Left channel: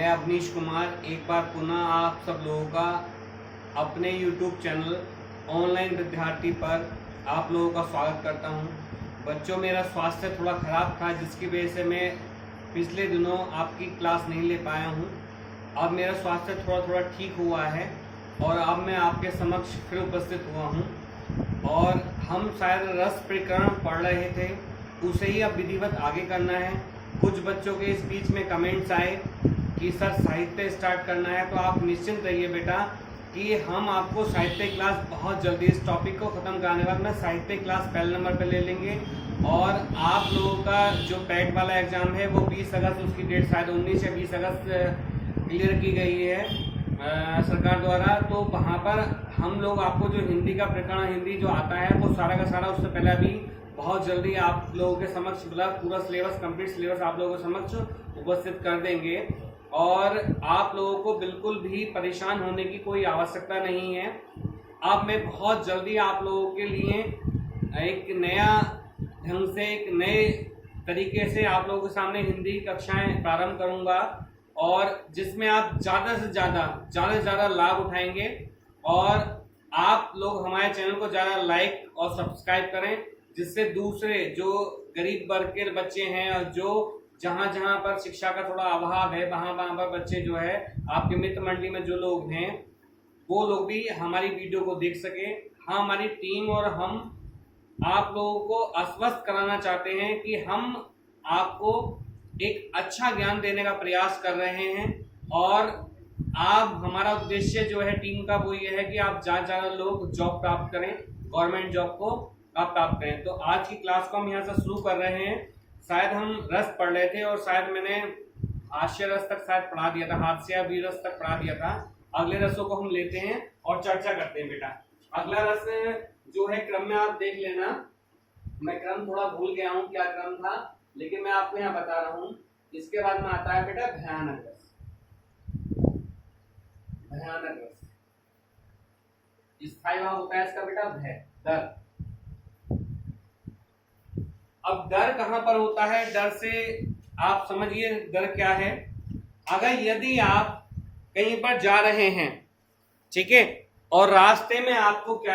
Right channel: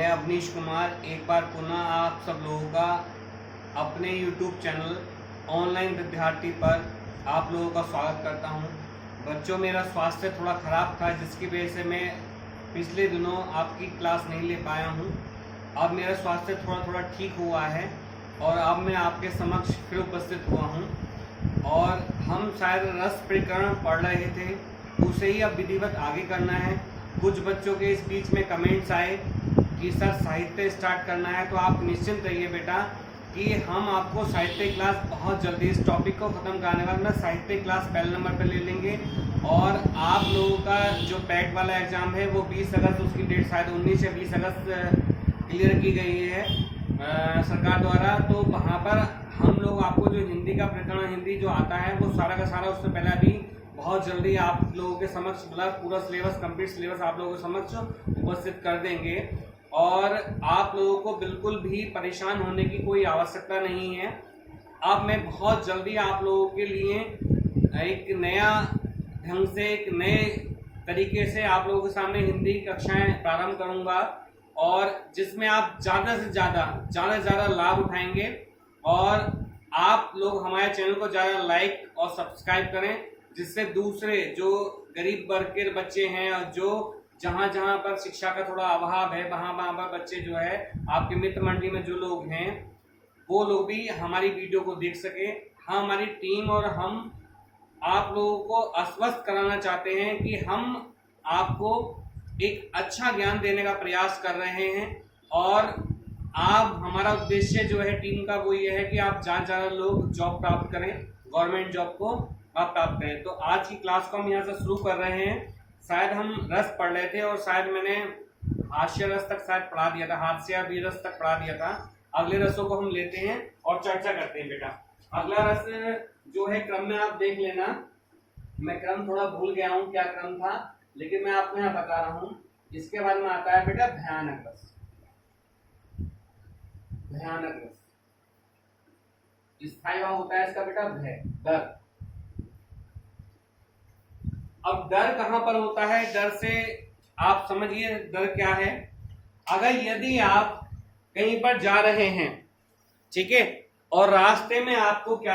मैं अवनीश कुमार एक बार पुनः आप सब लोगों का अपने YouTube चैनल ऑनलाइन विद्यार्थी पर आप लोगों का स्वागत करता हूं। बच्चों, मेरा स्वास्थ्य थोड़ा ख़राब था जिसकी वजह से मैं पिछले दिनों आपकी क्लास नहीं ले पाया हूं। अब मेरा स्वास्थ्य थोड़ा ठीक हुआ है और अब मैं आपके समक्ष फिर उपस्थित हुआ हूं। और हम शायद रस प्रकरण पढ़ रहे थे, उसे ही अब विधिवत आगे करना है। कुछ बच्चों के इस बीच में कमेंट्स आए कि सर साहित्य स्टार्ट करना है, तो आप निश्चिंत रहिए बेटा कि हम आपको साहित्य क्लास बहुत जल्दी इस टॉपिक को ख़त्म कराने बाद में साहित्य क्लास पहले नंबर पर ले लेंगे। और आप लोगों का जो पैट वाला एग्ज़ाम है वो 20 अगस्त, उसकी डेट शायद 19 या 20 अगस्त क्लियर की गई है सरकार द्वारा। तो वहाँ पर हम लोग आपको जो हिंदी का प्रकरण हिंदी जो आता है वो सारा का सारा उससे पहले अभी बहुत जल्दी आप लोगों के समक्ष मतलब पूरा सिलेबस कंप्लीट सिलेबस आप लोगों के समक्ष उपस्थित कर देंगे। और आप लोगों को बिल्कुल भी परेशान होने की कोई आवश्यकता नहीं है। अब मैं बहुत जल्दी आप लोगों के लिए एक नया ढंग से एक नए तरीके से आप लोगों के सामने हिंदी कक्षाएं प्रारंभ करूंगा, और जिसमें आप ज़्यादा से ज़्यादा लाभ उठाएंगे। और आप लोग हमारे चैनल को ज़्यादा लाइक और सब्सक्राइब करें, जिससे दूसरे जो गरीब वर्ग के बच्चे हैं और जो जहाँ पर शिक्षा का थोड़ा अभाव है वहाँ पर बच्चे जो है आपके मित्र मंडली में जो लोग हैं वो लोग भी हमारी वीडियो को देख सकें। हाँ, हमारी टीम और हम आप लोगों को आश्वस्त कराना चाहते हैं कि हम आपको एक अच्छा ज्ञान देने का प्रयास कर रहे हैं। और आप हमारा उद्देश्य जो है टीम का वो ये है कि आप ज़्यादा लोग जॉब प्राप्त करें, गवर्नमेंट जॉब को आप प्राप्त करें। तो आज की क्लास को हम यहाँ से शुरू कर रहे हैं। शायद हम रस पढ़ रहे थे और शायद मैंने हास्य रस तक शायद पढ़ा दिया था, हास्य या वीर रस तक पढ़ा दिया था। अगले रसों को हम लेते हैं और चर्चा करते हैं बेटा। अगला रस जो है क्रम में आप देख लेना, मैं क्रम थोड़ा भूल गया हूँ क्या क्रम था, लेकिन मैं आपको यहाँ बता रहा हूँ। इसके बाद में आता है बेटा भयानक रस। भयानक रस स्थायी भाव होता है इसका बेटा भय, डर। अब डर कहां पर होता है? डर से आप समझिए डर क्या है। अगर यदि आप कहीं पर जा रहे हैं, ठीक है, और रास्ते में आपको क्या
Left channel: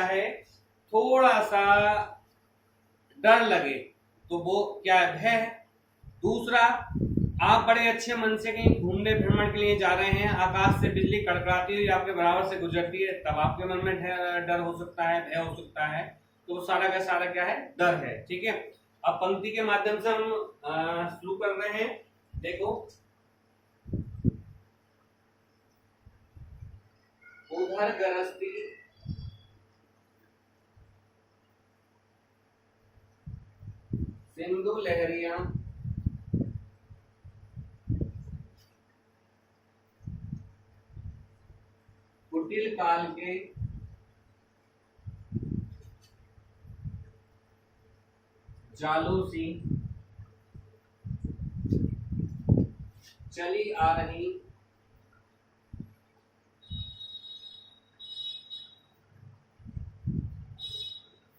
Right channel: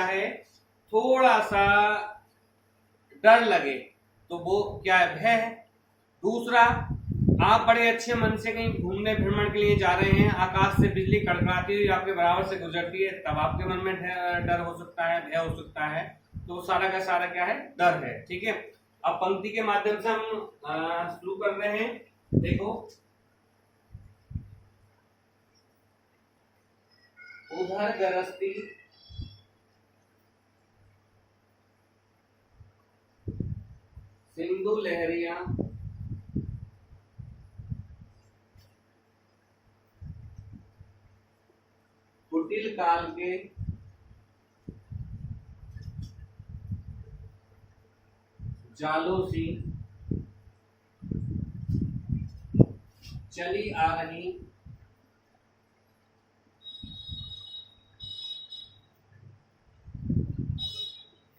है थोड़ा सा डर लगे, तो वो क्या है? भय है। दूसरा, आप बड़े अच्छे मन से कहीं घूमने भ्रमण के लिए जा रहे हैं, आकाश से बिजली कड़कड़ाती हुई आपके बराबर से गुजरती है, तब आपके मन में डर हो सकता है, भय हो सकता है। तो सारा का सारा क्या है? डर है। ठीक है, अब पंक्ति के माध्यम से हम शुरू कर रहे हैं। देखो, उधर गरजती सिंधु लहरियां कुटिल काल के जालों सी चली आ रही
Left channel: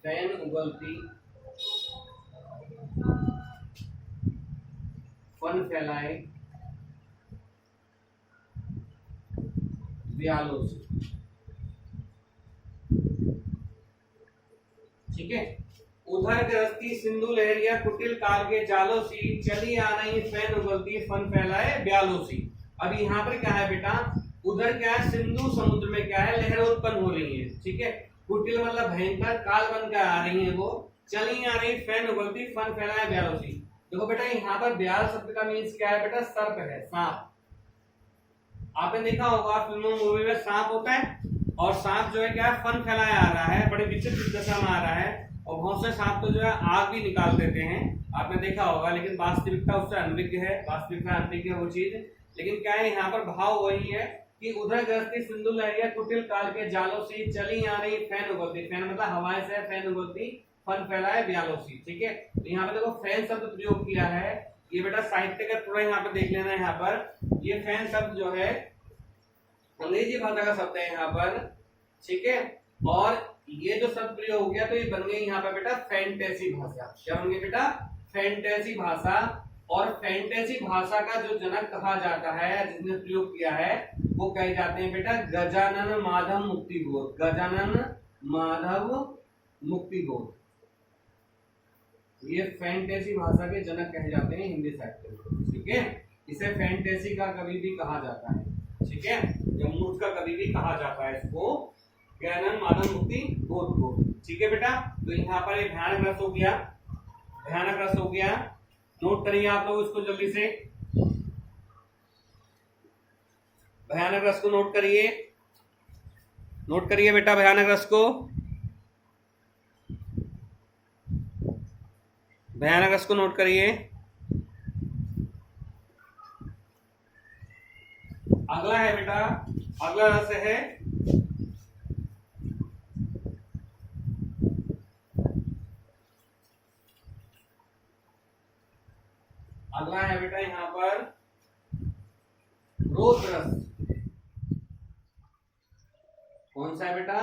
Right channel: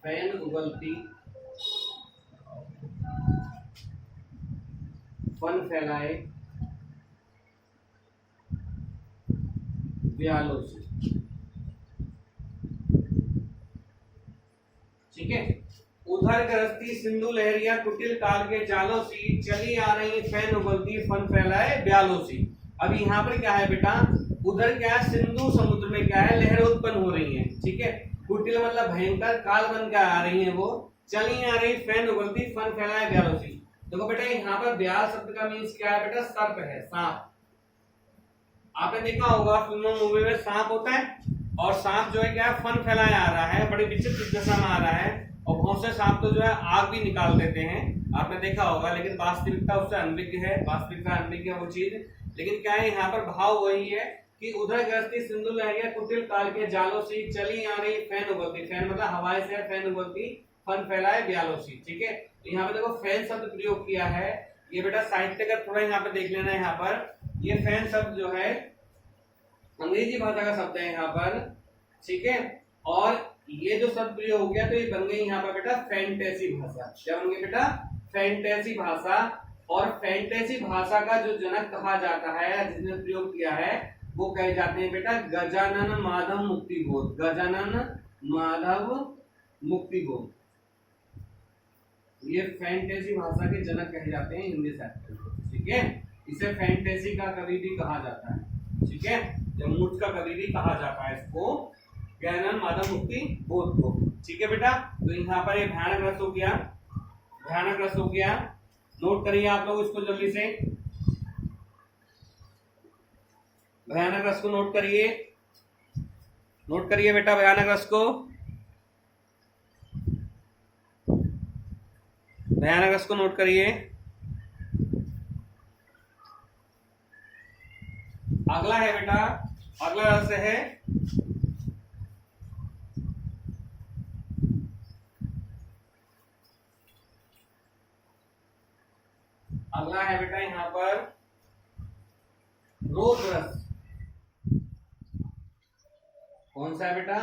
फैन उगलती फन फैलाए व्यालों से। ठीक है, उधर गरजती सिंधु लहरिया कुटिल काल के जालों सी चली आ रही फैन उगलती फन फैलाए ब्यालों सी। अभी यहाँ पर क्या है बेटा? उधर क्या है? सिंधु समुद्र में क्या है? लहरें उत्पन्न हो रही हैं। ठीक है, कुटिल मतलब भयंकर, काल बन कर आ रही हैं वो, चली आ रही फैन उगलती फन फैलाए ब्यालों सी। देखो बेटा, यहाँ पर ब्याल शब्द का मीन्स क्या है बेटा? सर्प है, सांप। आपने देखा होगा फिल्मों मूवी में सांप होता है, और सांप जो है क्या है? फन फैलाए आ रहा है, बड़ी विचित्र दशा में आ रहा है। और बहुत से सांप तो जो है आग भी निकाल देते हैं, आपने देखा होगा। लेकिन वास्तविकता उससे अनभिज्ञ है, वास्तविकता अनभिज्ञ है वो चीज। लेकिन क्या है यहाँ पर भाव वही है कि उधर गरजती सिंधु लहरिया कुटिल काल के जालों से चली आ रही फैन उगलती, फैन मतलब हवाएं से फैन उगलती फन फैलाए ब्यालों सी। ठीक है, तो यहाँ पे देखो फैन शब्द प्रयोग किया है। ये बेटा साहित्य का थोड़ा यहाँ पे देख लेना है। यहाँ पर ये फैन शब्द जो है अंग्रेजी भाषा का शब्द है यहाँ पर। ठीक है, और ये जो शब्द प्रयोग हो गया तो ये बन गई यहाँ पर बेटा फैंटेसी भाषा। क्या बन गई बेटा? फैंटेसी भाषा। और फैंटेसी भाषा का जो जनक कहा जाता है, जिसने प्रयोग किया है, वो कहे जाते हैं बेटा गजानन माधव मुक्तिबोध। गजानन माधव मुक्तिबोध, ये फैंटेसी भाषा के जनक कहे जाते हैं हिंदी साहित्य में। ठीक है, इसे फैंटेसी का कवि भी कहा जाता है। ठीक है, या मूर्ख का कवि भी कहा जाता है इसको, गजानन माधव मुक्तिबोध को। ठीक है बेटा, तो यहाँ पर एक भयानक रस हो गया, भयानक रस हो गया। नोट करिए आप लोग इसको जल्दी से, भयानक रस को नोट करिए, नोट करिए बेटा भयानक रस को, भयानक रस को नोट करिए। अगला है बेटा, अगला रस है अगला है बेटा यहाँ पर रोद रस। कौन सा है बेटा?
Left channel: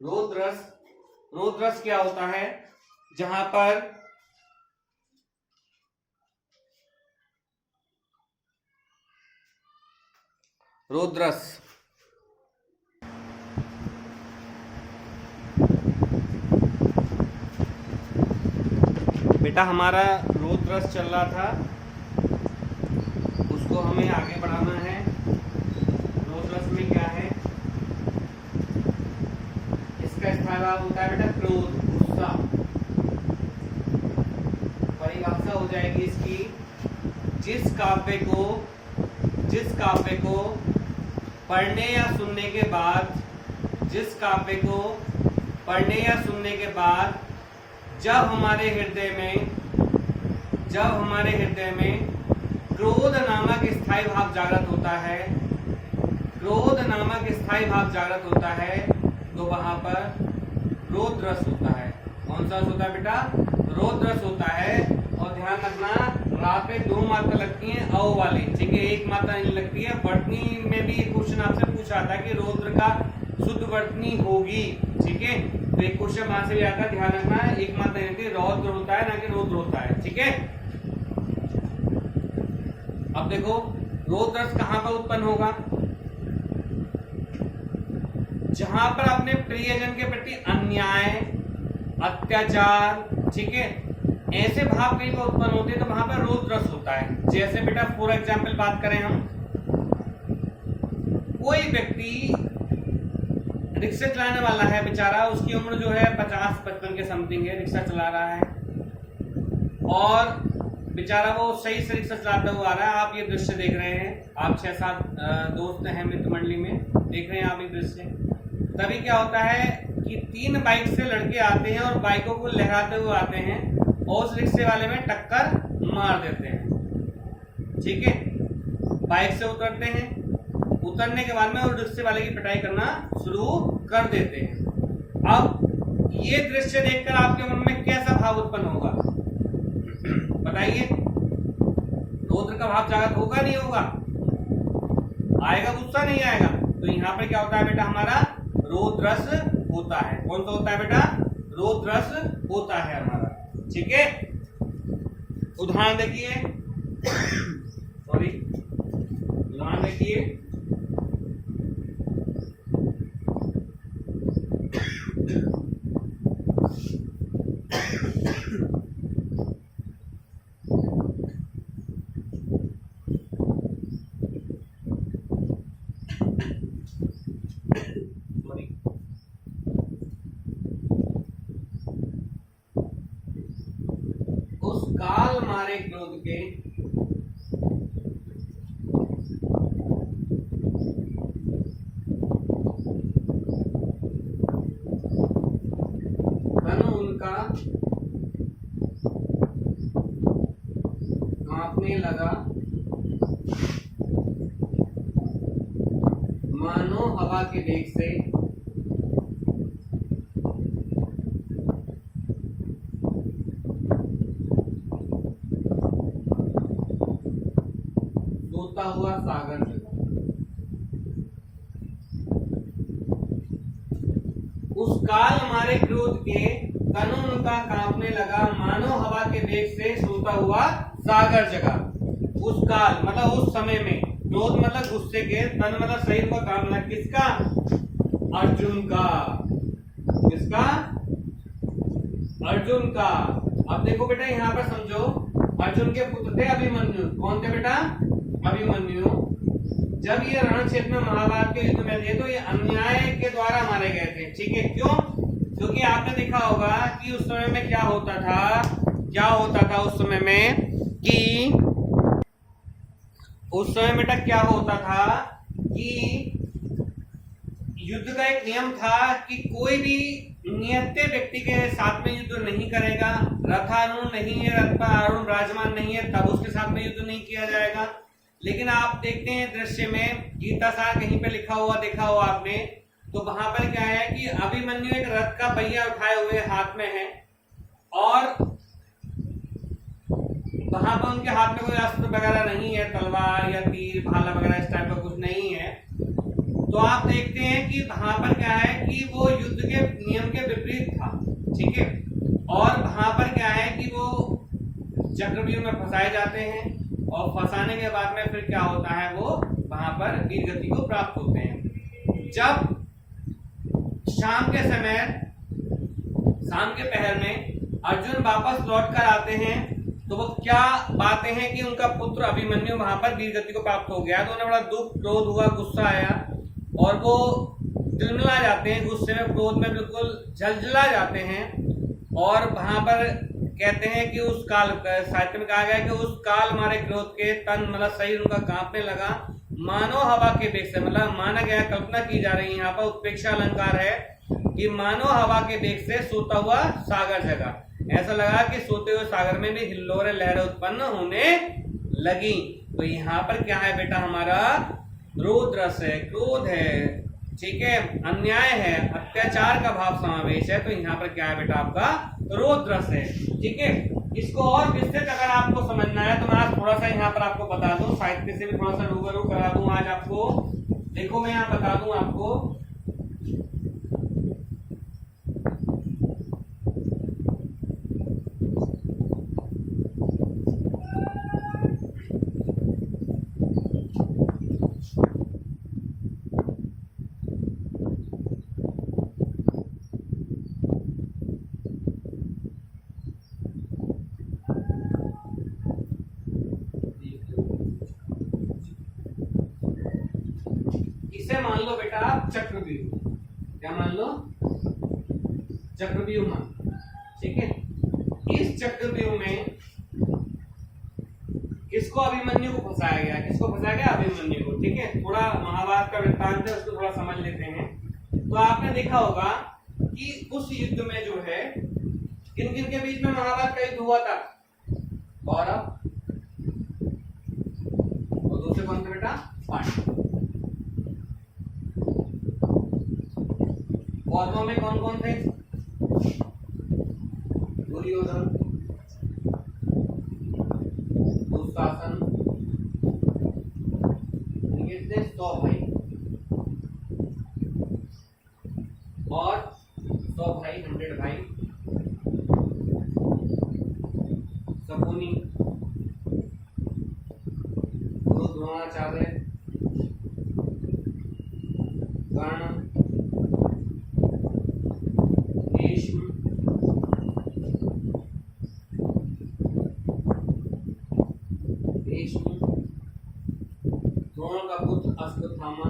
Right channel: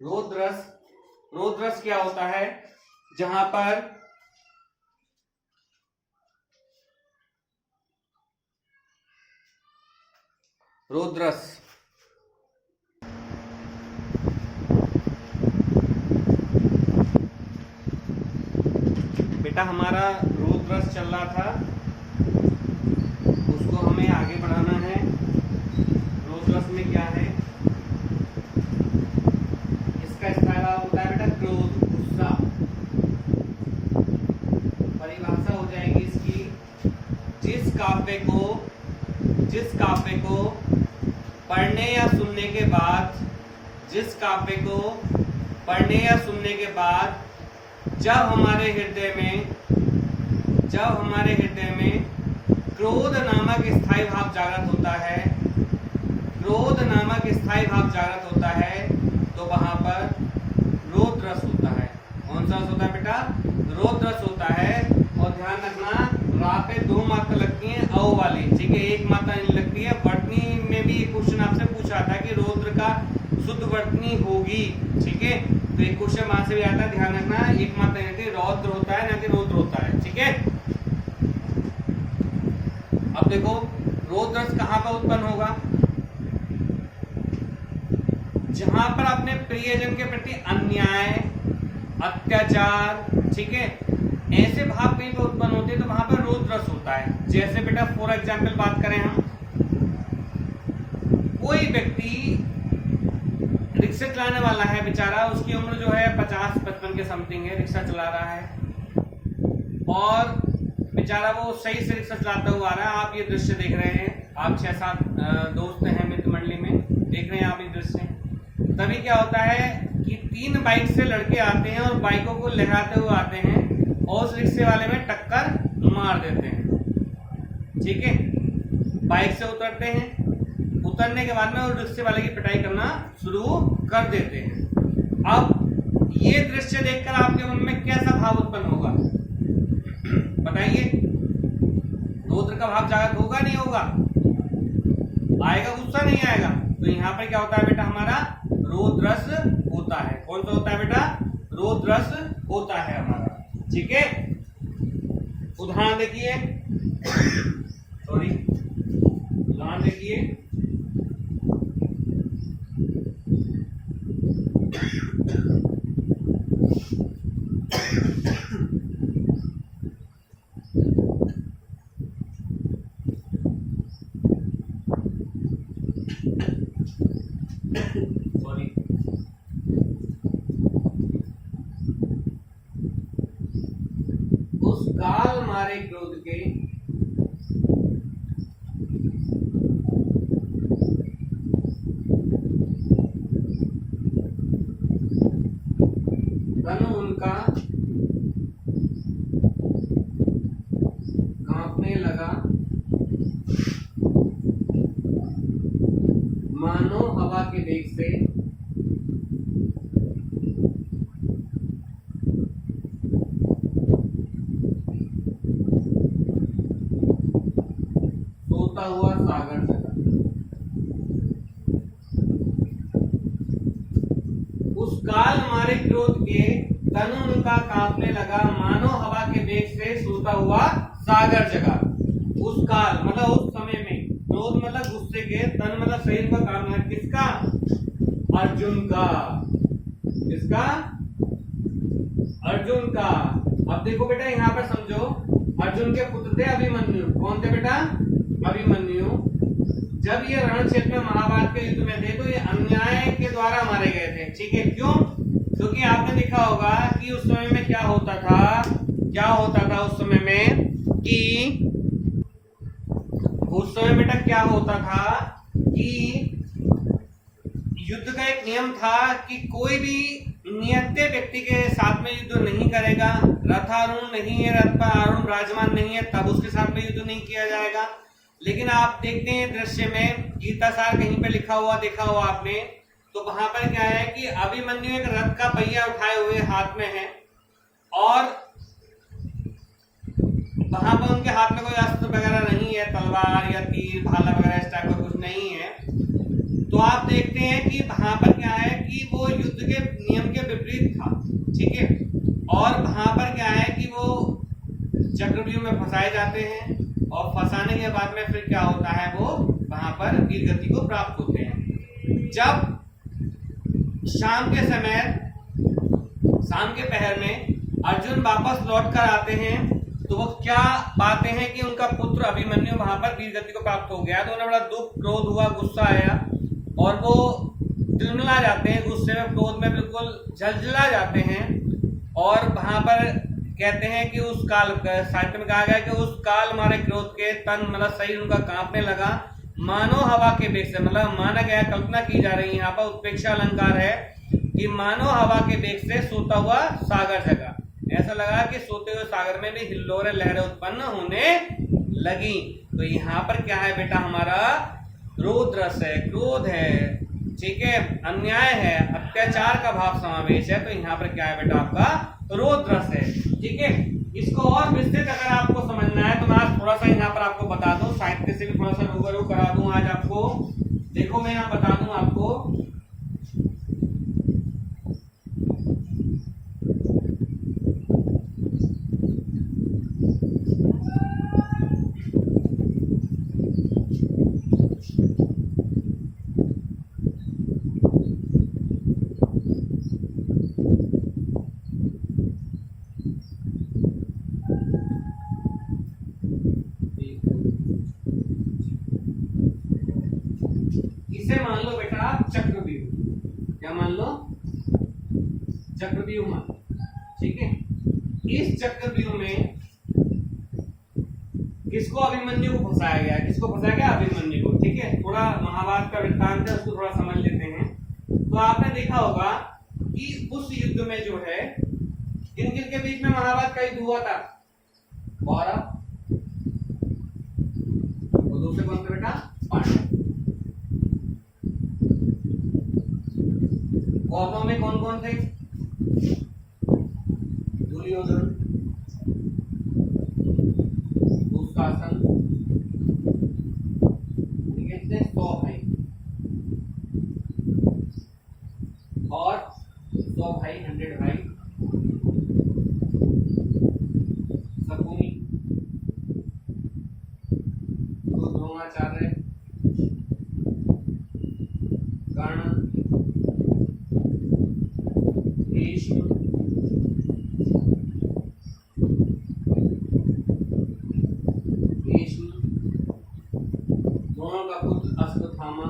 रोद रस। रोद रस क्या होता है? जहां पर रोद रस, बेटा हमारा रोद रस चल रहा था, उसको हमें आगे बढ़ाना है। रोद रस में क्या है? इसका स्थायी भाव होता है बेटा क्रोध, गुस्सा। परिभाषा हो जाएगी इसकी, जिस काव्य को पढ़ने या सुनने के बाद, जिस काव्य को पढ़ने या सुनने के बाद जब हमारे हृदय में क्रोध नामक स्थायी भाव जागृत होता है, क्रोध नामक स्थायी भाव जागृत होता है, तो वहां पर रोद रस होता है। कौन सा रस होता है बेटा? रोद रस होता है। और ध्यान रखना, रा पे 2 मात्रा लगती है अ वाली, ठीक है, 1 मात्रा नहीं लगती है। वर्तनी में भी एक क्वेश्चन आपसे पूछा था कि रौद्र का शुद्ध वर्तनी होगी, ठीक है, तो एक क्वेश्चन वहां से भी आता है, ध्यान रखना, 1 मात्रा नहीं लगती, रौद्र होता है ना कि रौद्र होता है। ठीक है, अब देखो रोद रस कहां पर उत्पन्न होगा? जहां पर अपने प्रियजन के प्रति अन्याय, अत्याचार, ठीक है, ऐसे भाव कहीं पर उत्पन्न होते हैं, तो वहां पर रोद रस होता है। जैसे बेटा फॉर एग्जाम्पल बात करें हम, कोई व्यक्ति रिक्शा चलाने वाला है बेचारा, उसकी उम्र जो है 50-55 के समथिंग है, रिक्शा चला रहा है और बेचारा वो सही से रिक्शा चलाता हुआ आ रहा है। आप ये दृश्य देख रहे हैं, आप 6-7 दोस्त हैं मित्र मंडली में, देख रहे हैं आप ये दृश्य। तभी क्या होता है कि 3 बाइक से लड़के आते हैं और बाइकों को लहराते हुए आते हैं और उस रिक्शे वाले में टक्कर मार देते हैं। ठीक है, बाइक से उतरते हैं, उतरने के बाद में उस रिक्शे वाले की पिटाई करना शुरू कर देते हैं। अब ये दृश्य देखकर आपके मन में कैसा भाव उत्पन्न होगा बताइए? रौद्र का भाव जागृत होगा नहीं होगा? आएगा, गुस्सा नहीं आएगा? तो यहाँ पर क्या होता है बेटा? हमारा रोद रस होता है। कौन सा होता है बेटा? रोद रस होता है हमारा। ठीक है, उदाहरण देखिए, सॉरी, उदाहरण देखिए, सॉरी, उस काल मारे क्रोध के तन उनका कांपने लगा, मानो हवा के वेग से सोता हुआ सागर जगा। उस काल हमारे क्रोध के तन उनका कांपने लगा, मानो हवा के वेग से सोता हुआ सागर जगा। उस काल मतलब उस समय में, क्रोध मतलब गुस्से के, तन मतलब शरीर का कांपने लगा। किसका? अर्जुन का। किसका? अर्जुन का। अब देखो बेटा यहाँ पर समझो, अर्जुन के पुत्र थे अभिमन्यु। कौन थे बेटा? अभिमन्यु। जब ये रण क्षेत्र में महाभारत के युद्ध में थे तो ये अन्याय के द्वारा मारे गए थे। ठीक है, क्यों? क्योंकि आपने देखा होगा कि उस समय में क्या होता था, उस समय में कि उस समय बेटा क्या होता था कि युद्ध का एक नियम था कि कोई भी नियत व्यक्ति के साथ में युद्ध नहीं करेगा। रथारूढ़ नहीं है, रथ पर आरूढ़ विराजमान नहीं है, तब उसके साथ में युद्ध नहीं किया जाएगा। लेकिन आप देखते हैं दृश्य में, गीता सार कहीं पे लिखा हुआ देखा हुआ आपने, तो वहां पर क्या है कि अभिमन्यु एक रथ का पहिया उठाए हुए हाथ में है और वहां पर उनके हाथ में कोई अस्त्र वगैरह नहीं है, तलवार या तीर भाला वगैरह इस टाइप का कुछ नहीं है। तो आप देखते हैं कि वहां पर क्या है कि वो युद्ध के नियम के विपरीत था। ठीक है, और वहां पर क्या है कि वो चक्रव्यूह में फंसाए जाते हैं और फंसाने के बाद में फिर क्या होता है, वो वहां पर वीर गति को प्राप्त होते हैं। जब शाम के समय, शाम के पहर में अर्जुन वापस लौट कर आते हैं तो वो क्या बातें हैं कि उनका पुत्र अभिमन्यु वहां पर वीर गति को प्राप्त हो गया। तो उन्हें बड़ा दुख, क्रोध हुआ, गुस्सा आया और वो तिलमिला जाते हैं, गुस्से में, क्रोध में बिल्कुल झलझला जाते हैं। और वहां पर कहते हैं कि उस काल, साहित्य में कहा गया कि उस काल मारे क्रोध के तन मतलब शरीर उनका कांपने लगा, मानो हवा के वेग से, मतलब माना गया, कल्पना की जा रही है यहाँ पर, उत्प्रेक्षा अलंकार है कि मानो हवा के वेग से सोता हुआ सागर जगा। ऐसा लगा कि सोते हुए सागर में भी हिल्लोरें, लहरें उत्पन्न होने लगी। तो यहाँ पर क्या है बेटा, हमारा क्रोध रस है, क्रोध है, ठीक है, अन्याय है, अत्याचार का भाव समावेश है। तो यहाँ पर क्या है बेटा, आपका क्रोध रस है। ठीक है, इसको और विस्तृत अगर आपको समझना है तो मैं आज थोड़ा सा यहाँ पर आपको बता दूं, साहित्य से भी थोड़ा सा रूबरू करा दूं आज आपको। देखो मैं यहाँ बता दूं आपको, इसे मान लो बेटा आप चक्रव्यूह, क्या मान लो, चक्रव्यूह मान। ठीक है, इस चक्रव्यूह में किसको, अभिमन्यु को फंसाया गया। किसको फंसाया गया? अभिमन्यु को। ठीक है, थोड़ा महाभारत का वृत्तांत है, उसको थोड़ा समझ लेते हैं। तो आपने देखा होगा कि उस युद्ध में जो है, किन किन के बीच में महाभारत का युद्ध हुआ था? कौरव और दूसरे कौन थे बेटा? पांडव। कौरवों में कौन कौन थे? दुर्योधन, दुशासन, कितने 100 भाई, और 100 भाई, 100 भाई, शकुनी, गुरु द्रोणाचार्य, कर्ण, भीष्म, दोनों का पुत्र अश्वत्थामा।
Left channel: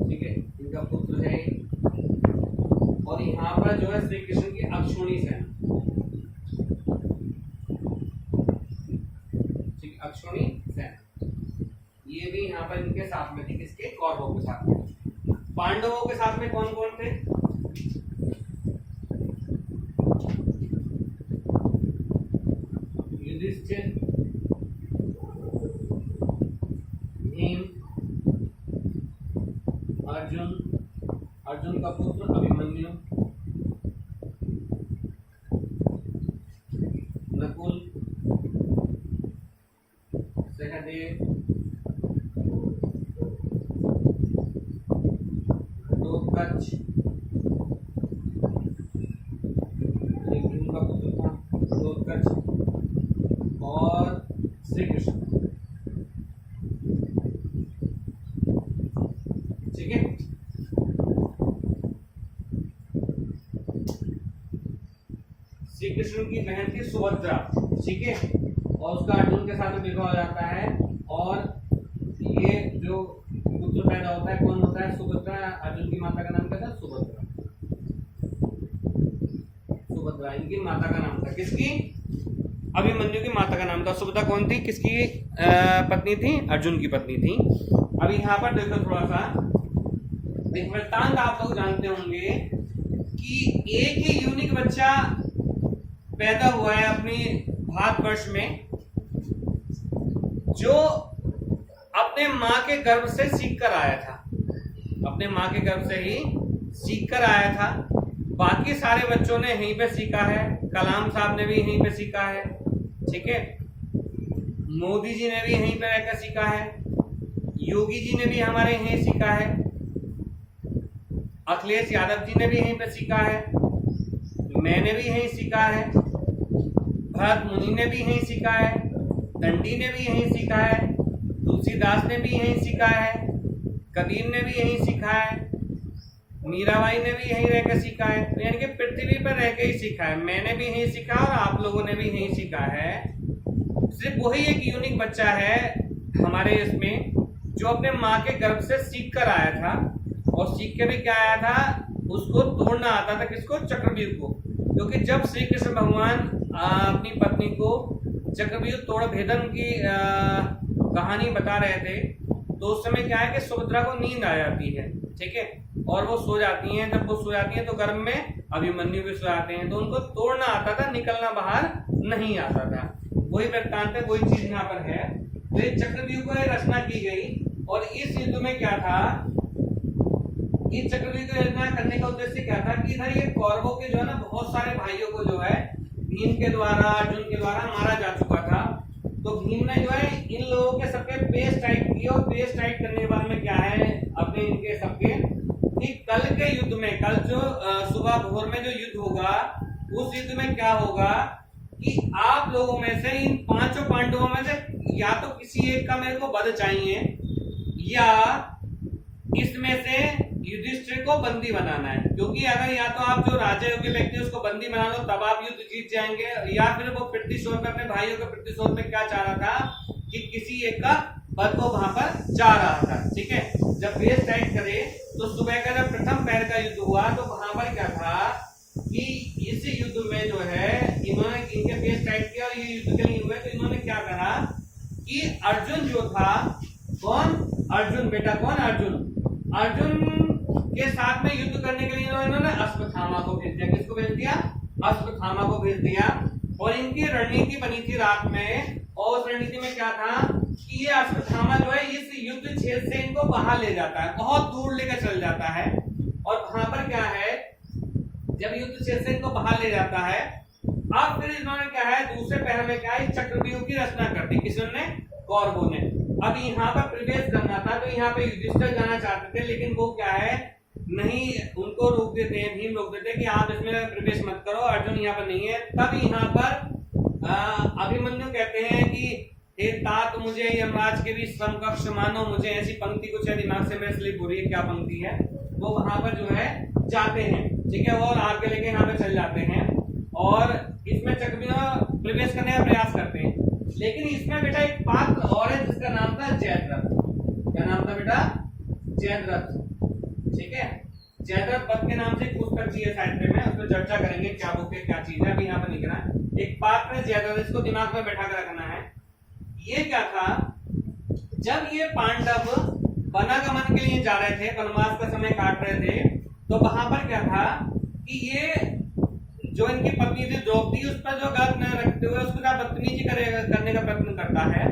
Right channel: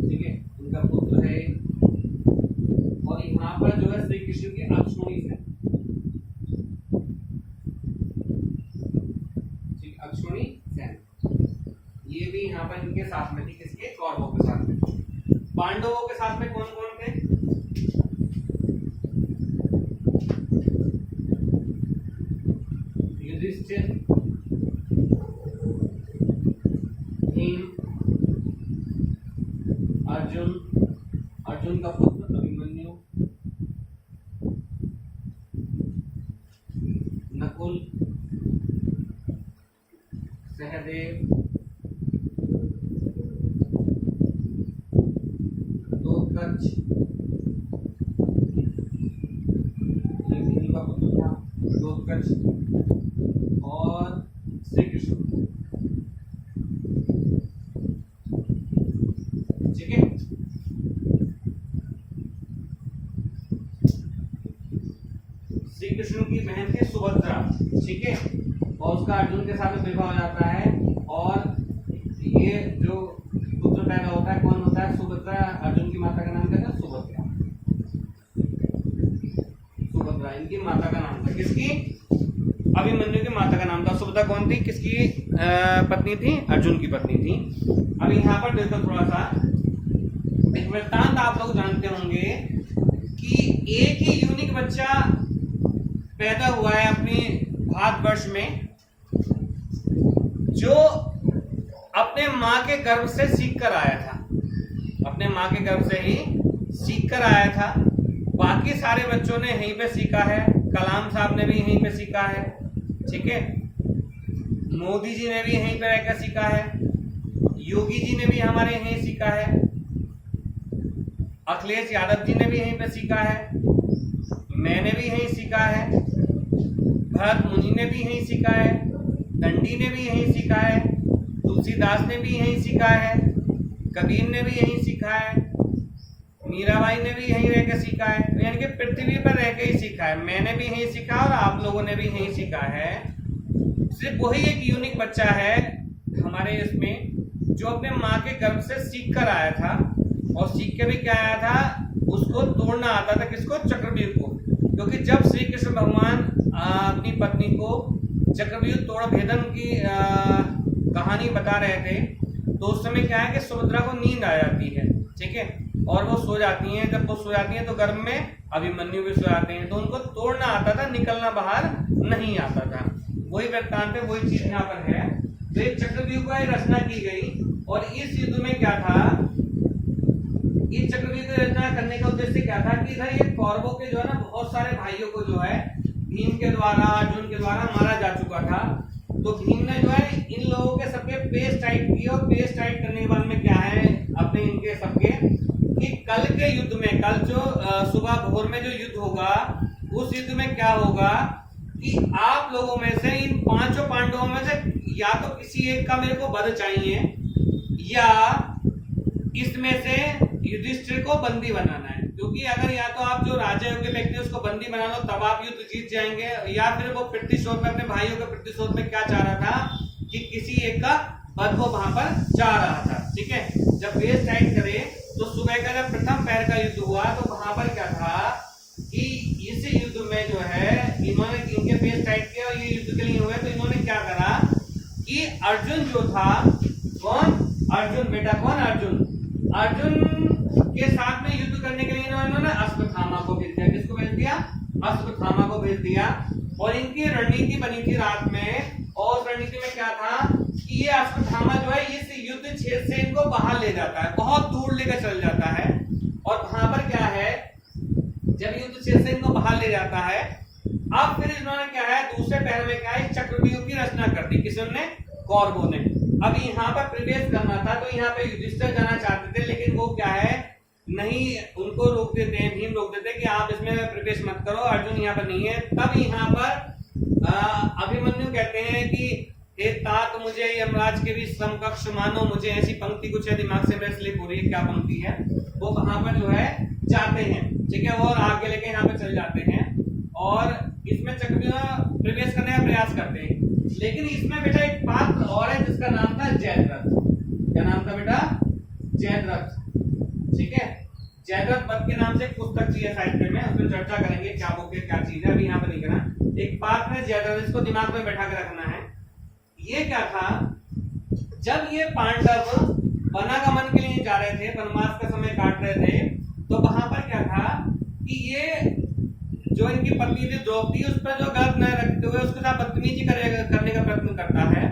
ठीक है, इनका पुत्र है। और यहाँ पर जो है श्री कृष्ण की अक्षोणी सेना, ठीक, अक्षोणी सेना, ये भी यहाँ पर इनके साथ में थी। किसके? कौरवों के साथ में। पांडवों के साथ में कौन कौन थे? युधिष्ठिर, भीम, अर्जुन, अर्जुन का पुत्र अभिमन्यु, नकुल, सहदेव, घटोत्कच, घटोत्कच और श्री कृष्ण। ठीक है, श्री कृष्ण की बहन थी सुभद्रा। ठीक है, और उसका अर्जुन के साथ विवाह हो जाता है और ये जो पुत्र पैदा होता है कौन होता है? सुभद्रा। अर्जुन की माता का नाम क्या था? सुभद्रा। सुभद्रा इनकी माता का नाम था। किसकी? अभिमन्यु की माता का नाम था। सुभद्रा कौन थी? किसकी पत्नी थी? अर्जुन की पत्नी थी। अब यहाँ पर देखो थोड़ा सा एक वृत्तांत आप लोग जानते होंगे कि एक ही यूनिक बच्चा पैदा हुआ है अपने भारतवर्ष में, जो अपने माँ के गर्भ से सीख कर आया था। अपने माँ के गर्भ से ही सीख कर आया था। बाकी सारे बच्चों ने यहीं पे सीखा है। कलाम साहब ने भी यहीं पे सीखा है। ठीक है, मोदी जी ने भी यहीं पे रहकर सीखा है। योगी जी ने भी हमारे यहीं सीखा है। अखिलेश यादव जी ने भी यहीं पे सीखा है। मैंने भी यहीं सीखा है। भरत मुनि ने भी यहीं सीखा है। दंडी ने भी यहीं सीखा है। तुलसीदास ने भी यहीं सीखा है। कबीर ने भी यहीं सीखा है। मीराबाई ने भी यहीं रहकर सीखा है। तो यानी कि पृथ्वी पर रहकर ही सीखा है। मैंने भी यहीं सीखा और आप लोगों ने भी यहीं सीखा है। सिर्फ वही एक यूनिक बच्चा है हमारे इसमें जो अपने माँ के गर्भ से सीख कर आया था, और सीख के भी क्या आया था? उसको तोड़ना आता था। किसको? चक्रव्यूह को। क्योंकि जब श्री कृष्ण भगवान अपनी पत्नी को चक्रव्यूह तोड़ भेदन की कहानी बता रहे थे, तो उस समय क्या है कि सुभद्रा को नींद आ जाती है। ठीक है, और वो सो जाती हैं। जब वो सो जाती हैं तो गर्भ में अभिमन्यु भी सो जाते हैं। तो उनको तोड़ना आता था, निकलना बाहर नहीं आता था। वही वृत्तांत है, वही चीज यहाँ पर है। तो एक चक्रव्यूह को रचना की गई, और इस युद्ध में क्या था? इस चक्रव्यूह की रचना करने का उद्देश्य क्या था कि इधर ये कौरवों के जो है ना बहुत सारे भाइयों को जो है भीम के द्वारा, अर्जुन के द्वारा मारा जा चुका था। तो भीम ने जो है इन लोगों के सबके पेस्ट टाइट किए, और पेस्ट टाइट करने के बाद में क्या है अपने इनके सबके कि कल के युद्ध में, कल जो सुबह भोर में जो युद्ध होगा, उस युद्ध में क्या होगा कि आप लोगों में से इन पांचों पांडवों में से या तो किसी एक का मेरे को वध चाहिए, या इसमें से युधिष्ठिर को बंदी बनाना है। क्योंकि अगर या तो आप जो राजा के व्यक्ति उसको बंदी बना लो तब आप युद्ध जीत जाएंगे, या फिर वो प्रतिशोध में अपने भाइयों के प्रतिशोध में क्या चाह रहा था कि किसी एक का वध को वहां पर चाह रहा था। ठीक है, जब बेस टाइट करे तो सुबह का जब प्रथम पैर का युद्ध हुआ तो वहां पर क्या था कि इस युद्ध में जो है इन्होंने इनके बेस टाइट किया और ये युद्ध के लिए हुए। तो इन्होंने क्या करा कि अर्जुन जो था, कौन? अर्जुन बेटा, कौन? अर्जुन के साथ में युद्ध करने के लिए इन्होंने अश्वत्थामा को भेज दिया। किसको भेज दिया? अश्वत्थामा को भेज दिया। और इनकी रणनीति बनी थी रात में, और रणनीति में क्या था कि ये अश्वत्थामा जो है इस युद्ध क्षेत्र से इनको बाहर ले जाता है, बहुत दूर लेकर चल जाता है। और वहां पर क्या है, जब युद्ध क्षेत्र से इनको बाहर ले जाता है, अब फिर इन्होंने क्या है दूसरे पहर में क्या है चक्रव्यूह की रचना कर दी। किसने? कौरवों ने। अब यहाँ पर प्रवेश करना था, तो यहाँ पे युधिष्ठिर जाना चाहते थे, लेकिन वो क्या है नहीं, उनको रोक देते हैं, भीम रोक देते हैं कि आप इसमें प्रवेश मत करो, अर्जुन यहाँ पर नहीं है। तब यहाँ पर अभिमन्यु कहते हैं कि हे तात, मुझे यमराज के भी समकक्ष मानो। मुझे ऐसी पंक्ति कुछ है दिमाग से मेरे स्लिप हो रही है, क्या पंक्ति है वो वहां पर जो है जाते हैं। ठीक है, और आगे लेके यहाँ पे चल जाते हैं और इसमें चक्रव्यूह प्रवेश करने का प्रयास करते हैं। लेकिन इसमें बेटा एक पात्र और है जिसका नाम था जयद्रथ। क्या नाम था बेटा? जयद्रथ। ठीक है, जयद्रथ वध के नाम से एक पुस्तक चाहिए साहित्य में, उसमें चर्चा करेंगे क्या बुक है, क्या चीज है, अभी यहाँ पर नहीं करना। एक पात्र है जयद्रथ, इसको दिमाग में बैठा कर रखना है। ये क्या था, जब ये पांडव वनागमन के लिए जा रहे थे, वनवास का समय काट रहे थे, तो वहां पर क्या था कि ये जो इनकी पत्नी थी द्रौपदी, उस पर जो गलत न रखते हुए उसके साथ बदतमीजी करने का प्रयत्न करता है।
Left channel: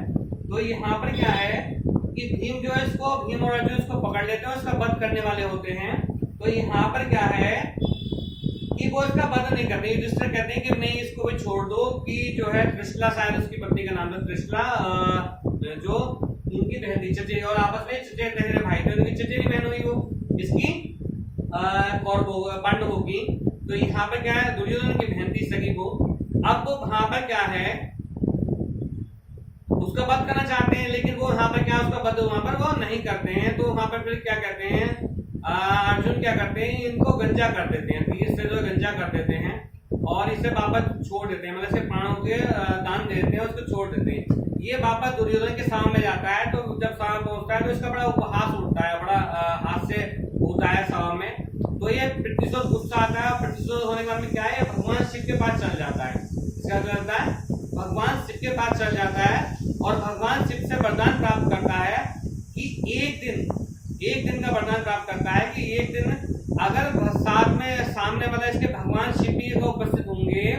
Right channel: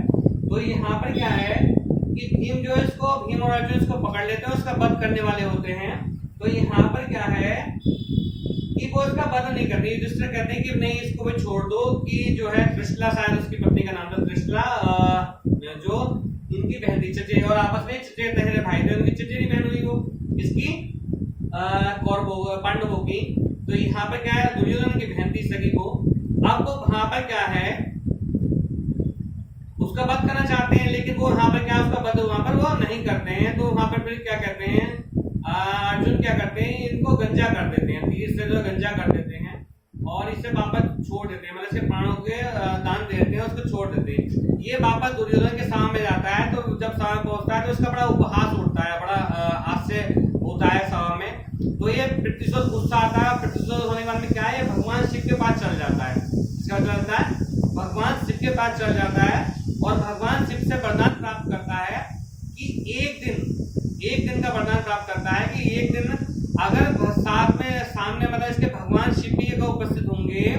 तो यहाँ पर क्या है कि भीम और अर्जुन इसको पकड़ लेते हैं, उसका वध करने वाले होते हैं। तो यहाँ पर क्या है कि वो इसका वध नहीं करते। युधिष्ठिर कहते हैं कि नहीं, इसको भी छोड़ दो, कि जो है त्रिशला, शायद उसकी पत्नी का नाम था त्रिशला, जो उनकी बहन थी चचेरी, और आपस में चचेरे तहेरे भाई थे, उनकी चचेरी बहन हुई वो इसकी कौरवों पांडवों की। तो यहाँ पर क्या है, दुर्योधन की बहन थी सगी वो। अब वहां पर क्या है, उसका वध करना चाहते हैं, लेकिन वो वहां पर क्या उसका वध वहां पर वो नहीं करते हैं। तो वहां पर फिर क्या करते हैं, अर्जुन क्या करते हैं, इनको गंजा कर देते हैं, तीर से जो गंजा कर देते हैं और इसे वापस छोड़ देते हैं, मतलब इसे प्राणों के दान दे देते हैं, उसको छोड़ देते हैं। ये वापस दुर्योधन के सामने जाता है। तो जब सामने पहुंचता है तो इसका बड़ा उपहास उठता है, बड़ा हास्य होता है सभा में। तो ये प्रतिशोध गुस्सा आता है और प्रतिशोध होने के बाद में क्या है, भगवान शिव के पास चल जाता है। इसका चलता है भगवान शिव के पास चल जाता है और भगवान शिव से वरदान प्राप्त करता है कि एक दिन का वरदान प्राप्त करता है कि एक दिन अगर साथ में सामने मतलब इसके भगवान शिव भी अगर उपस्थित होंगे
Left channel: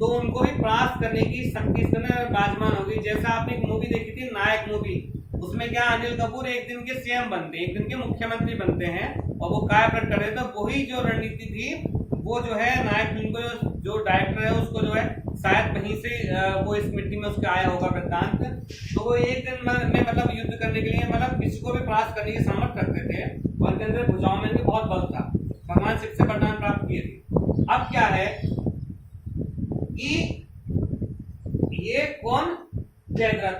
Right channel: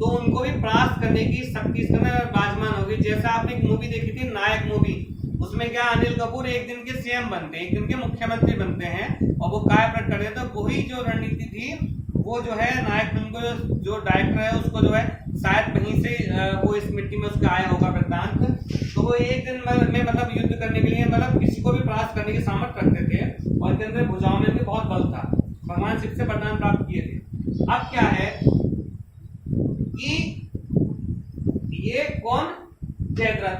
तो उनको भी परास्त करने की शक्ति इसके अंदर विराजमान होगी। जैसा आपने एक मूवी देखी थी नायक मूवी, उसमें क्या अनिल कपूर एक दिन के सीएम बनते हैं, एक दिन के मुख्यमंत्री बनते हैं और वो काय प्रकट कर देते हैं। तो वही जो रणनीति थी वो जो है नायक फिल्म को जो डायरेक्टर है उसको जो है शायद वहीं से वो इस मिट्टी में उसका आया होगा वृत्तांत। तो वो एक दिन में मतलब युद्ध करने के लिए मतलब किसी को भी परास्त करने की सामर्थ्य रखते थे और इनके अंदर भुजाओं में भी बहुत बल था। भगवान शिव से वरदान प्राप्त किए थे। अब क्या है कि ये कौन, जयद्रथ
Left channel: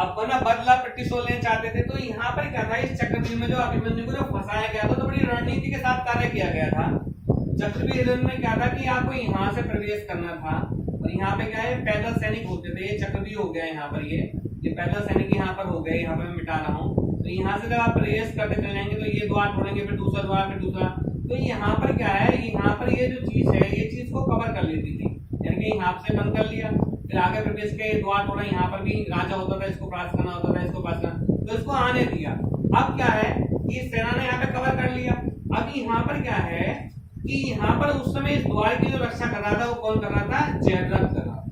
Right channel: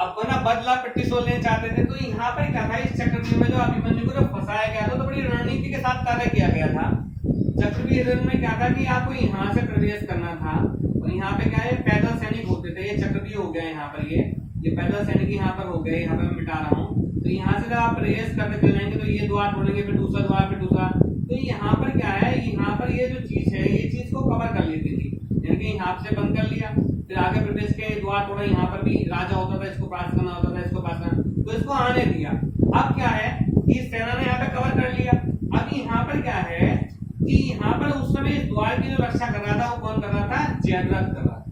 अपना बदला प्रतिशोध लेना चाहते थे। तो यहाँ पर क्या था, इस चक्रव्यूह में जो अभिमन्यु को जो फंसाया गया था तो बड़ी रणनीति के साथ कार्य किया गया था। चक्रव्यूह में क्या था कि आपको यहाँ से प्रवेश करना था और यहाँ पे क्या है, पैदल सैनिक होते थे। ये चक्रव्यूह हो गया यहाँ पर, ये पैदल सैनिक यहाँ पर हो गए, यहाँ पर मैं मिटा रहा हूँ। तो यहाँ से जब आप प्रवेश करते चले जाएंगे तो ये द्वार खोलेंगे, फिर दूसरा द्वार, फिर दूसरा। तो यहाँ पर क्या है, यहाँ पर ये जो चीज है ये चीज को कवर कर लेती थी, यानी कि यहाँ से बंद कर लिया, फिर आगे प्रवेश के द्वार खोला। यहाँ पर भी राजा होता था, इसको पास करना होता था, इसको पास करना, तो इसको आने दिया। अब क्या है कि सेना ने यहाँ पे कवर कर लिया। अब यहाँ पर क्या है कि यहाँ पर उस समय इस द्वार की जो रक्षा कर रहा था वो कौन कर रहा था, जयद्रथ कर रहा था,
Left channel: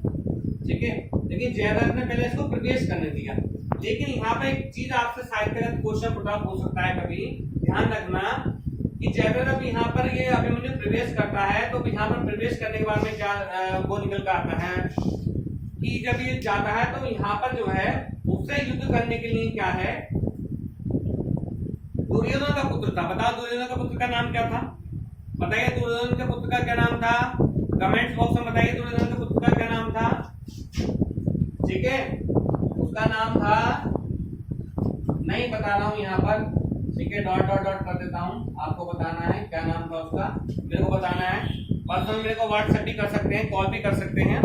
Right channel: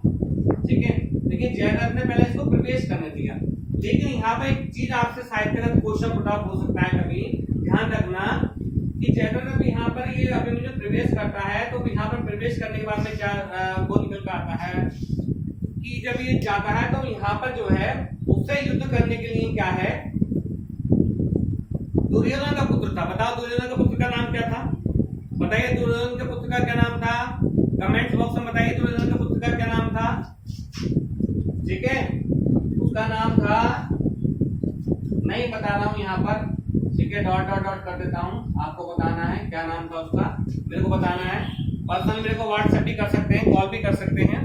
ठीक है। लेकिन जयद्रथ ने पहले इसको प्रवेश करने दिया। लेकिन यहाँ पर एक चीज आपसे साहित्यगत क्वेश्चन उठा हो सकता है कभी, ध्यान रखना कि जयद्रथ अब यहाँ पर ये अभिमन्यु प्रवेश करता है। तो यहाँ पर प्रवेश करने के बाद में क्या वो निकल कर आता है कि जब ये जाता है तो यहाँ पर जो है उससे युद्ध करने के लिए क्या है, दुर्योधन का पुत्र था। बताओ दुर्योधन का पुत्र का नाम क्या था, बताइए दुर्योधन के पुत्र का क्या नाम था, कमेंट्स बॉक्स में बताइए दुर्योधन के पुत्र का क्या नाम था, ठीक है। उसका नाम था, नहीं बता रहा हूं यहाँ पर, ठीक है, डॉट डॉट डॉट कर देता हूं, आपको बताना है क्या नाम था उसका, मेरे को बताना है। पर्सनल मेरे को व्हाट्सएप भी कर सकते हैं, कॉल भी कर सकते हैं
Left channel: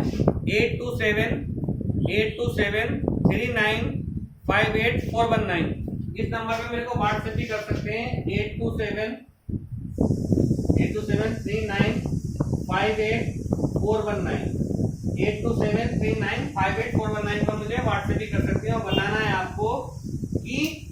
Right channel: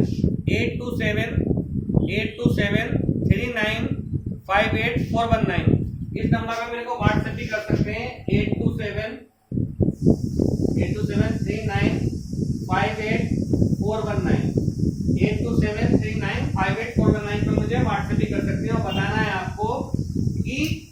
8278273958 इस नंबर पर मेरे को व्हाट्सएप भी कर सकते हैं 8273958419 पर मुझे व्हाट्सएप भी कर सकते हैं और बताना है आपको कि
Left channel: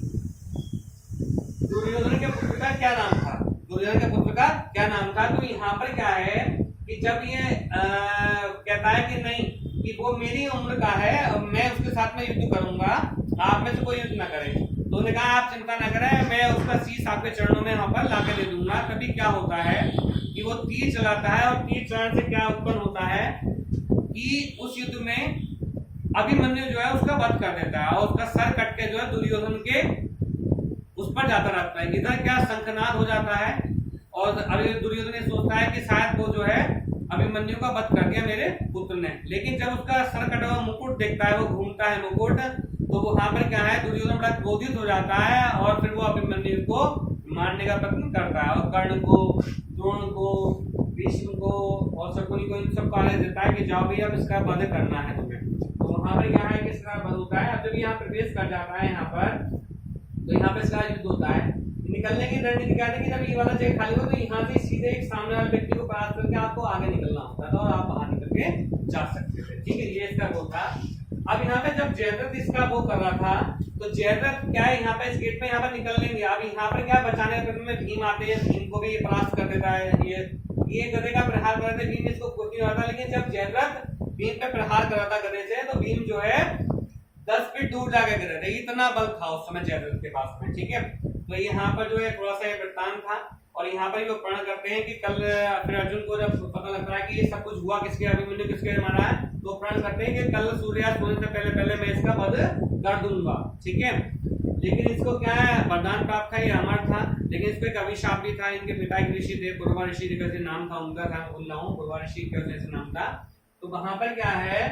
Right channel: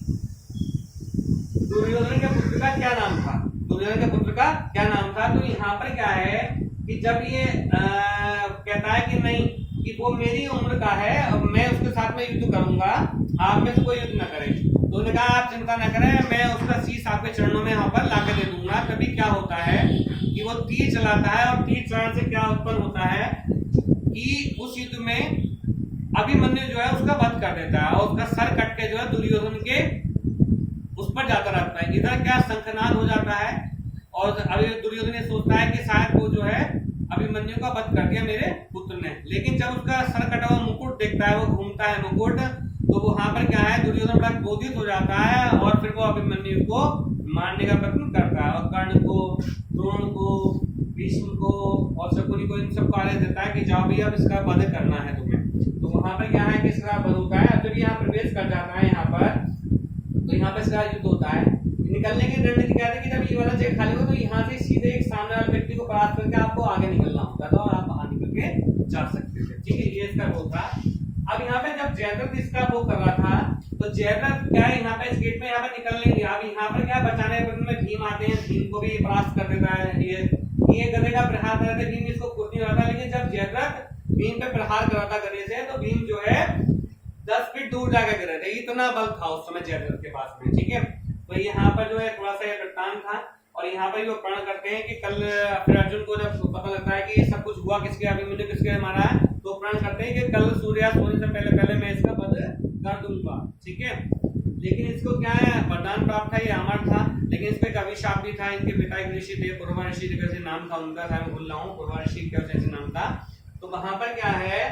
दुर्योधन के पुत्र का क्या नाम था, दुर्योधन के पुत्र का क्या नाम था। तो यहाँ पर क्या है कि जब ये कहता है कि नहीं कि वो मेरी उम्र का है, मैं उसके साथ में युद्ध करूंगा, आप में से कोई युद्ध न करे। तो उन्होंने कहा आप चिंता न करें, मैं उसका शीश आपके चरणों में यहाँ पर लाकर दे दूंगा। तभी क्या होता है कि वो तीर चलाता है और तीर चलाने से क्या उत्पन्न होता है कि उस युद्ध में अभिमन्यु जो है उसका वध कर देता है और उसका सर कट के जो है दुर्योधन के उस पर जाता रहता है। इधर क्या शंखनाद हो जाता है और अभी दुर्योधन ये सोचता है कि शायद वो जो है अभिमन्यु का वध कर दिया मेरे पुत्र ने। लेकिन जब उसका सर कटा हुआ मुकुट देखता है, वो घूमता है मुकुट, तो वहां पर क्या है दुर्योधन बड़ा क्रोधित हो जाता है और फिर वो अभिमन्यु को मारने का प्रयत्न करता है और कर्ण को, द्रोण को, भीष्म को और शकुनी को इन सबको आदेश देता है कि जाओ भैया अब इसका वध करना है तुम्हें। तो वहां पर क्या है कि इसका वध होता है। जब यहाँ प्रवेश कर जाता है यहाँ पर, तो यहाँ पे इसका युद्ध होता है। निकलने की रणनीति क्या है कि जब ये वाला जगह खाली हो तो यहाँ से सीधे एक सामने वाले व्यक्ति को परास्त करके आपको आगे निकलना होता था और आप बाहर निकल के जा सकते थे, ठीक है, ये इसका वो था। अब यहाँ पे जब जयद्रथ इसका वो कर रहा था तो जयद्रथ क्या है यहाँ पे इस गेट में यहाँ पर निकल नहीं दिया। अब यहाँ पर क्या बचाने में भीम आते हैं, भीम को भी परास्त कर देता है। ये गधे का प्रहार कर रहे थे, भीम इसको कुछ नहीं रहा था। लेकिन जब जयद्रथ भीम पे प्रहार कर रहा था गधे से, तो भीम जो है 10 फीट दूर जाकर गिरे थे, इतना बल था उस समय जयद्रथ के पास में, ठीक है। तो यहाँ पर जो है थोड़ा सा वृत्तांत था और यहाँ पर वो प्रण करते हैं कि कल फिर अर्जुन को जब पता लगता है कि सब कुछ हुआ किसके, अभिमन्यु किसके मारा है, तो प्रण करते हैं कि कल सूर्यास्त होने से पहले पहले मैं इसका वध कर दूंगा, ठीक है। लेकिन इसको क्या है वरदान प्राप्त था, ये अमर था, लेकिन इसको एक अभिशाप भी था। इनके पिता एक ऋषि थे, पूर्वा ऋषि कैसे नाम था उनका, मैं भूल रहा हूँ, पूर्वा ऋषि कैसे नाम था। तो वहां पर क्या है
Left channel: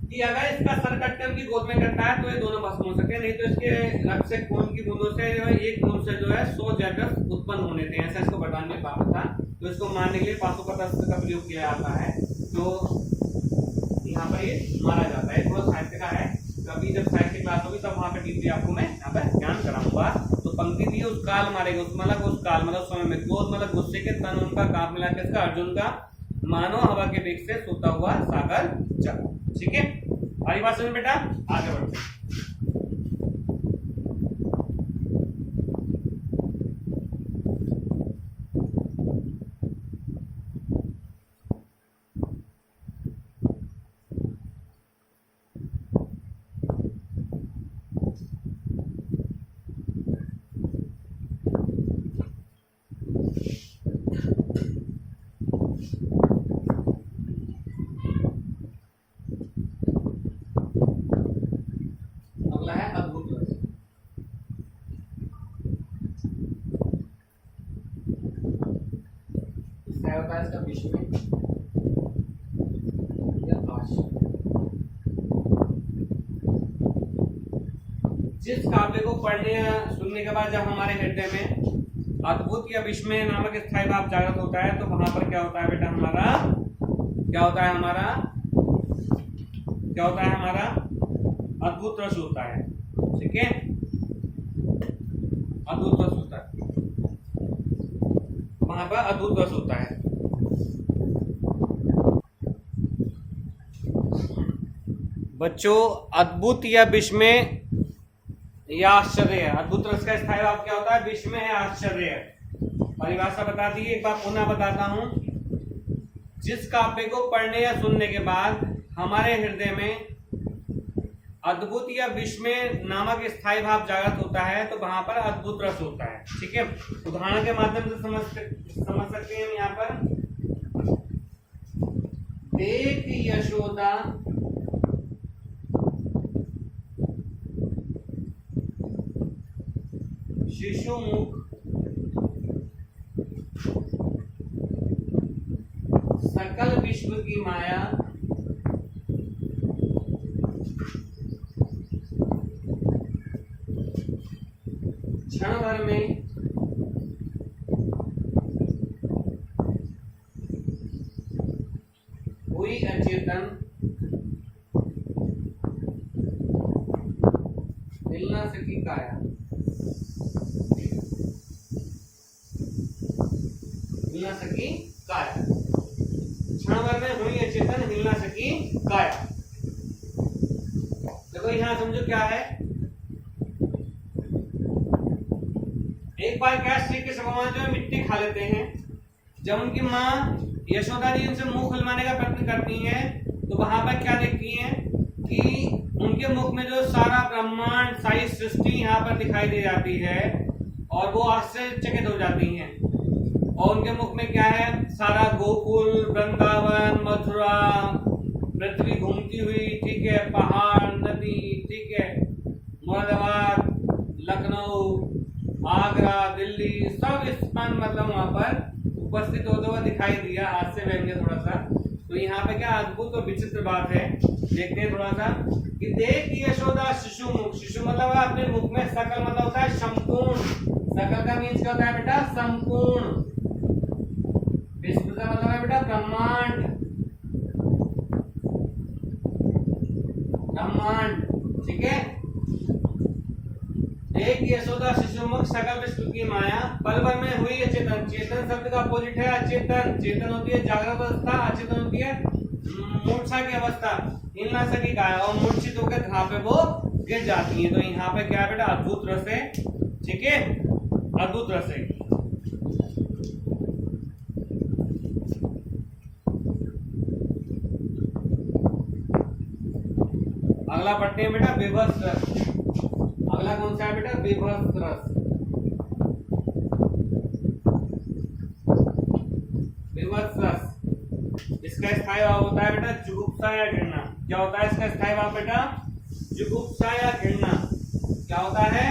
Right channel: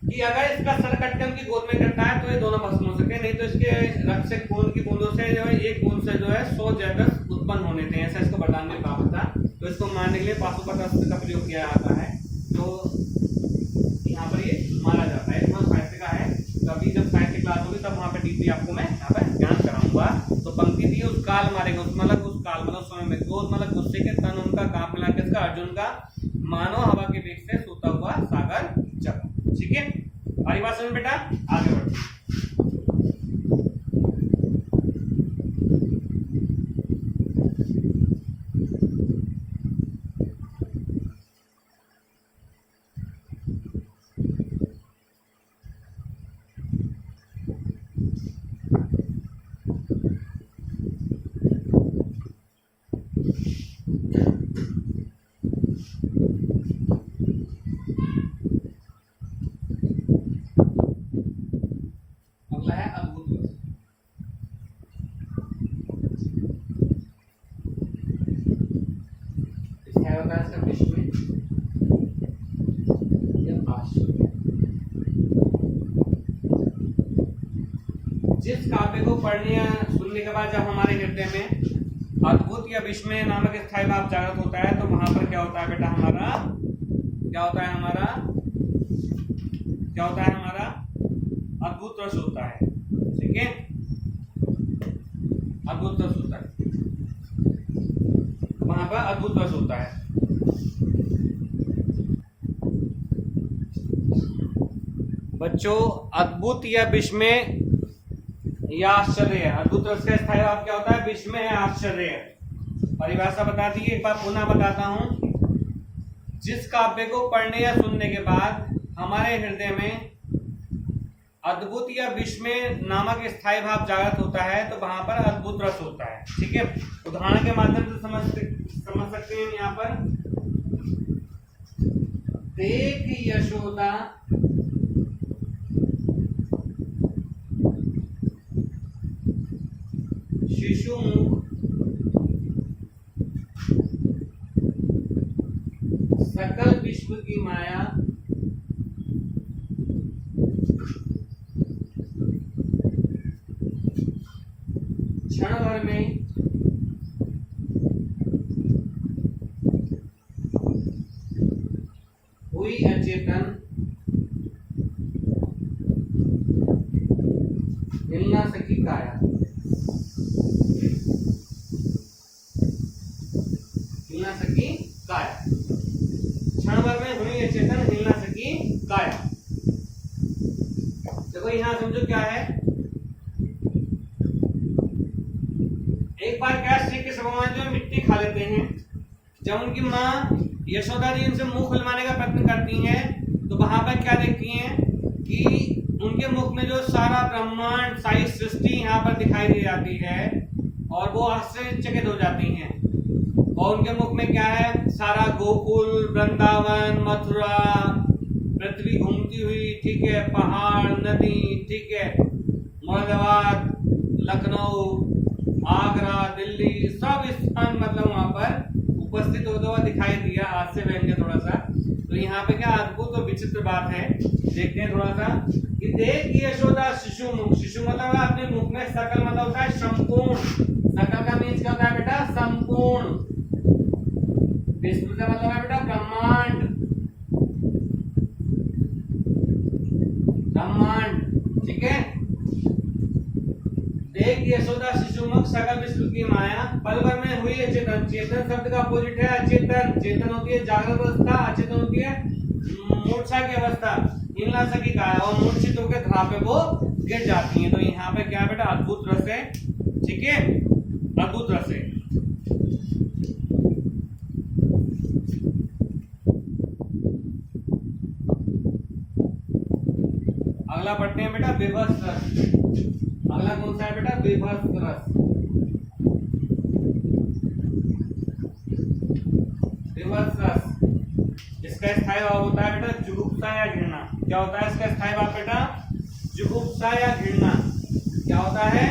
कि अगर इसका सर कट के उनकी गोद में कटता है तो ये दोनों भस्म हो सकते हैं, नहीं तो इसके रक्त से खून की बूंदों से जो है एक बूंद से जो है 100 जैकस उत्पन्न होने थे, ऐसा इसको बरदान में पाप था। तो इसको मारने के लिए पाशुपत अस्त्र का प्रयोग किया जाता है। तो यहाँ पर ये मारा जाता है, थोड़ा साहित्य का है। कभी जब साहित्य क्लास होगी तब वहाँ पे डीपली आपको मैं यहाँ पर ज्ञान कराऊंगा। तो पंक्ति दी उस काल मारेगा, उस काल मतलब समय में क्रोध मतलब गुस्से के तन उनका कांप मिला के इसका अर्जुन का मानो हवा के वेग से सोता हुआ सागर चला। ठीक है, हमारी बात सुन बेटा, आगे बढ़ो। अगला है अद्भुत रस। इसका होता है इसका विश्व में या आश्चर्य। जिस काव्य को पढ़ने या सुनने के बाद जब हमारे हृदय में अद्भुत या विस्मय नामक स्थायी भाव जागृत होता है, तो वहां पर क्या होता है बेटा, हमारा क्या होता है, हमारा क्या होता है, हमारा अद्भुत रस होता है। ठीक है, अद्भुत रस होता है, वहां पर अद्भुत रस होता है। बच्चों, अद्भुत या विस्मय या आश्चर्य, अद्भुत रस का स्थायी भाव क्या होता है, विस्मय या आश्चर्य। परिभाषा बता दी, एक बार पुनः बताता हूं। जिस काव्य को पढ़ने या सुनने के बाद हमारे हृदय में अद्भुत या विस्मय नामक स्थायी भाव जागृत होता है, तो वहां पर अद्भुत रस होता है। ठीक है, उदाहरण के माध्यम से समझ सकते हैं यहाँ पर। देख यशोदा शिशु मुख सकल विश्व की माया क्षण भर में हुई अचेतन, हिल ना सकी काया, हिल ना सकी काया, क्षण भर में हुई अचेतन, हिल ना सकी काया। देखो यहाँ समझो क्या है। एक बार क्या श्री कृष्ण भगवान जो है मिट्टी खा लेते हैं। जब उनकी माँ यशोदा जी उनसे मुंह खुलवाने का प्रयत्न करती हैं, तो वहां पर क्या देखती हैं कि उनके मुख में जो सारा ब्रह्मांड, सारी सृष्टि यहाँ पर दिखाई दे जाती है और वो आश्चर्यचकित हो जाती हैं। और उनके मुख में क्या है, सारा गोकुल, वृंदावन, मथुरा, पृथ्वी घूमती हुई, ठीक है, पहाड़, नदी, ठीक है, मुरादाबाद, लखनऊ, आगरा, दिल्ली, सब स्थान मतलब वहां पर उपस्थित होता हुआ दिखाई दिया। आज से व्यंग्य थोड़ा सा। तो यहाँ पे क्या अद्भुत और विचित्र बात है, देखते हैं थोड़ा सा कि देख यशोदा शिशु मुख, शिशु मतलब अपने मुख में, सकल मतलब होता है संपूर्ण, सकल का मीन्स क्या होता है बेटा, संपूर्ण, विश्व का मतलब है बेटा ब्रह्मांड, ब्रह्मांड, ठीक है। एक यशोदा शिशु मुख सकल विश्व की माया पल भर में हुई अचेतन। चेतन शब्द का अपोजिट है अचेतन। चेतन होती है जागृत अवस्था, अचेतन होती है मूर्छा की अवस्था। हिल ना सकी काया, और मूर्छित होकर घाव पे वो गिर जाती है। तो यहाँ पे क्या है बेटा, अद्भुत रस है, ठीक है, अद्भुत रस है। अगला पढ़ते हैं बेटा विभत्स रस। अगला कौन सा है बेटा, विभत्स रस। विभत्स रस, इसका स्थायी भाव होता है बेटा जुगुप्सा या घृणा। क्या होता है इसका स्थायी भाव बेटा, जुगुप्सा या घृणा। क्या होता है,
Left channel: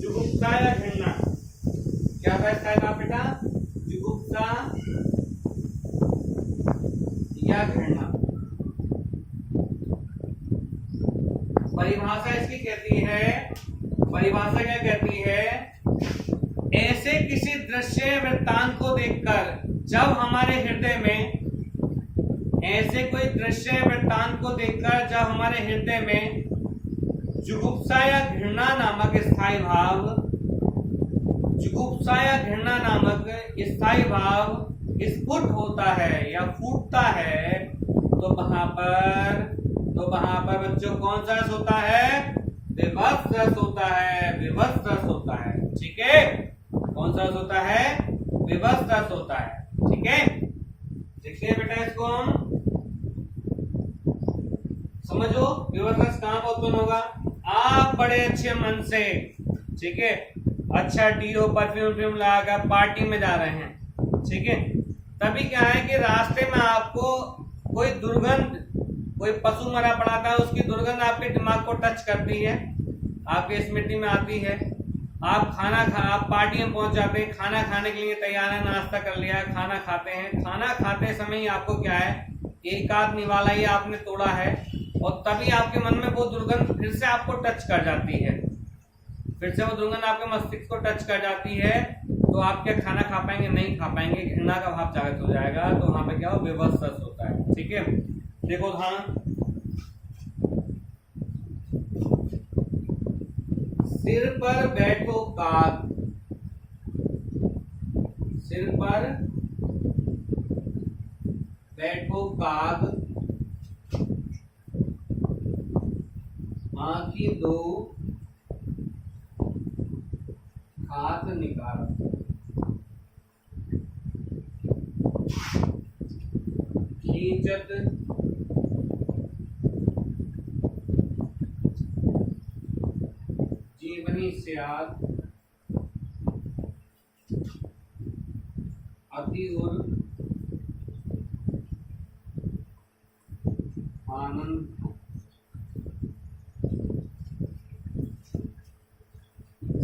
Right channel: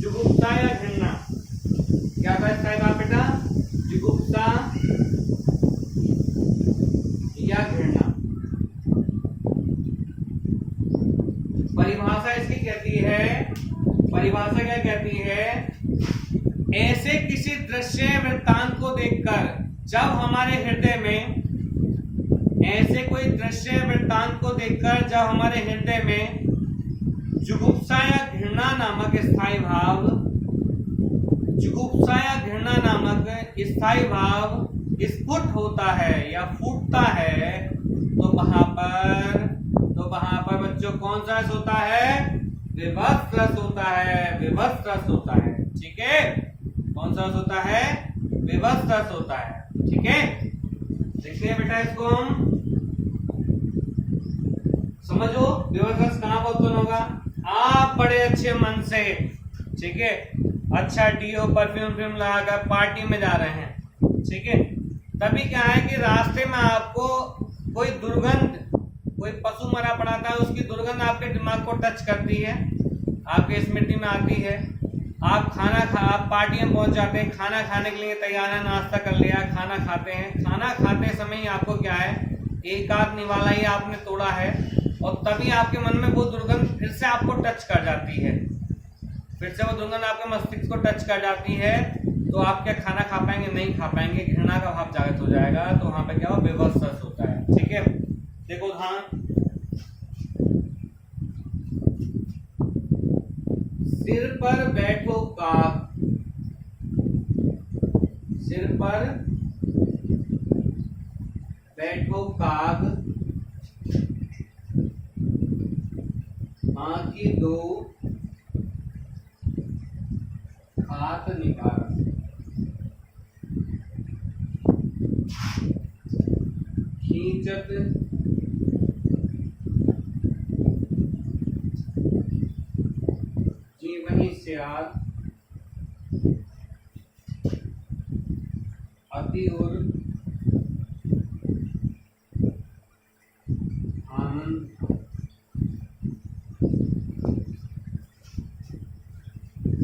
जुगुप्सा या घृणा। क्या होता है स्थायी भाव बेटा, जुगुप्सा या या घृणा। परिभाषा इसकी कहती है, परिभाषा क्या कहती है, ऐसे किसी दृश्य वृत्तांत को देखकर जब हमारे हृदय में, ऐसे कोई दृश्य वृत्तांत को देखकर जब हमारे हृदय में जुगुप्सा या घृणा नामक स्थायी भाव, जुगुप्सा या घृणा नामक स्थायी भाव स्फुट होता है या फूटता है, तो वहां पर बच्चों कौन सा रस होता है, विभत्स रस होता है, विभत्स रस होता है। ठीक है, कौन सा रस होता है, विभत्स रस होता है। ठीक है, देखते हैं बेटा इसको हम, समझो विभत्स रस कहां पर उत्पन्न होगा। आप बड़े अच्छे मन से, ठीक है, अच्छा डीओ परफ्यूम लगाकर पार्टी में जा रहे हैं, ठीक है, तभी क्या है कि रास्ते में आपको कोई दुर्गंध, कोई पशु मरा पड़ा था, उसकी दुर्गंध आपके दिमाग को टच करती है, आपके स्मृति में आती है। आप पार्टी में पहुंच जाते हैं, खाना खाने के लिए तैयार है, नाश्ता कर लिया, खाना खाते हैं, खाना खाते समय ही आपको क्या है, एक आध निवाला ही आपने तोड़ा है, और तभी आपके मन में वो दुर्गंध फिर से आपको टच कर जाती है, फिर से वो दुर्गंध आपके मस्तिष्क को टच कर जाती है, तो आप क्या खाना खा पाएंगे, नहीं खा पाएंगे, घृणा का भाव जागृत हो जाएगा, तो वहां पे क्या हो, विभत्स रस होता है। ठीक है, देखो उदाहरण, सिर पर बैठो काग, सिर पर बैठो काग, आंखी दो हाथ निकाल, खींचत जीवनी स्याद, अति उर आनंद,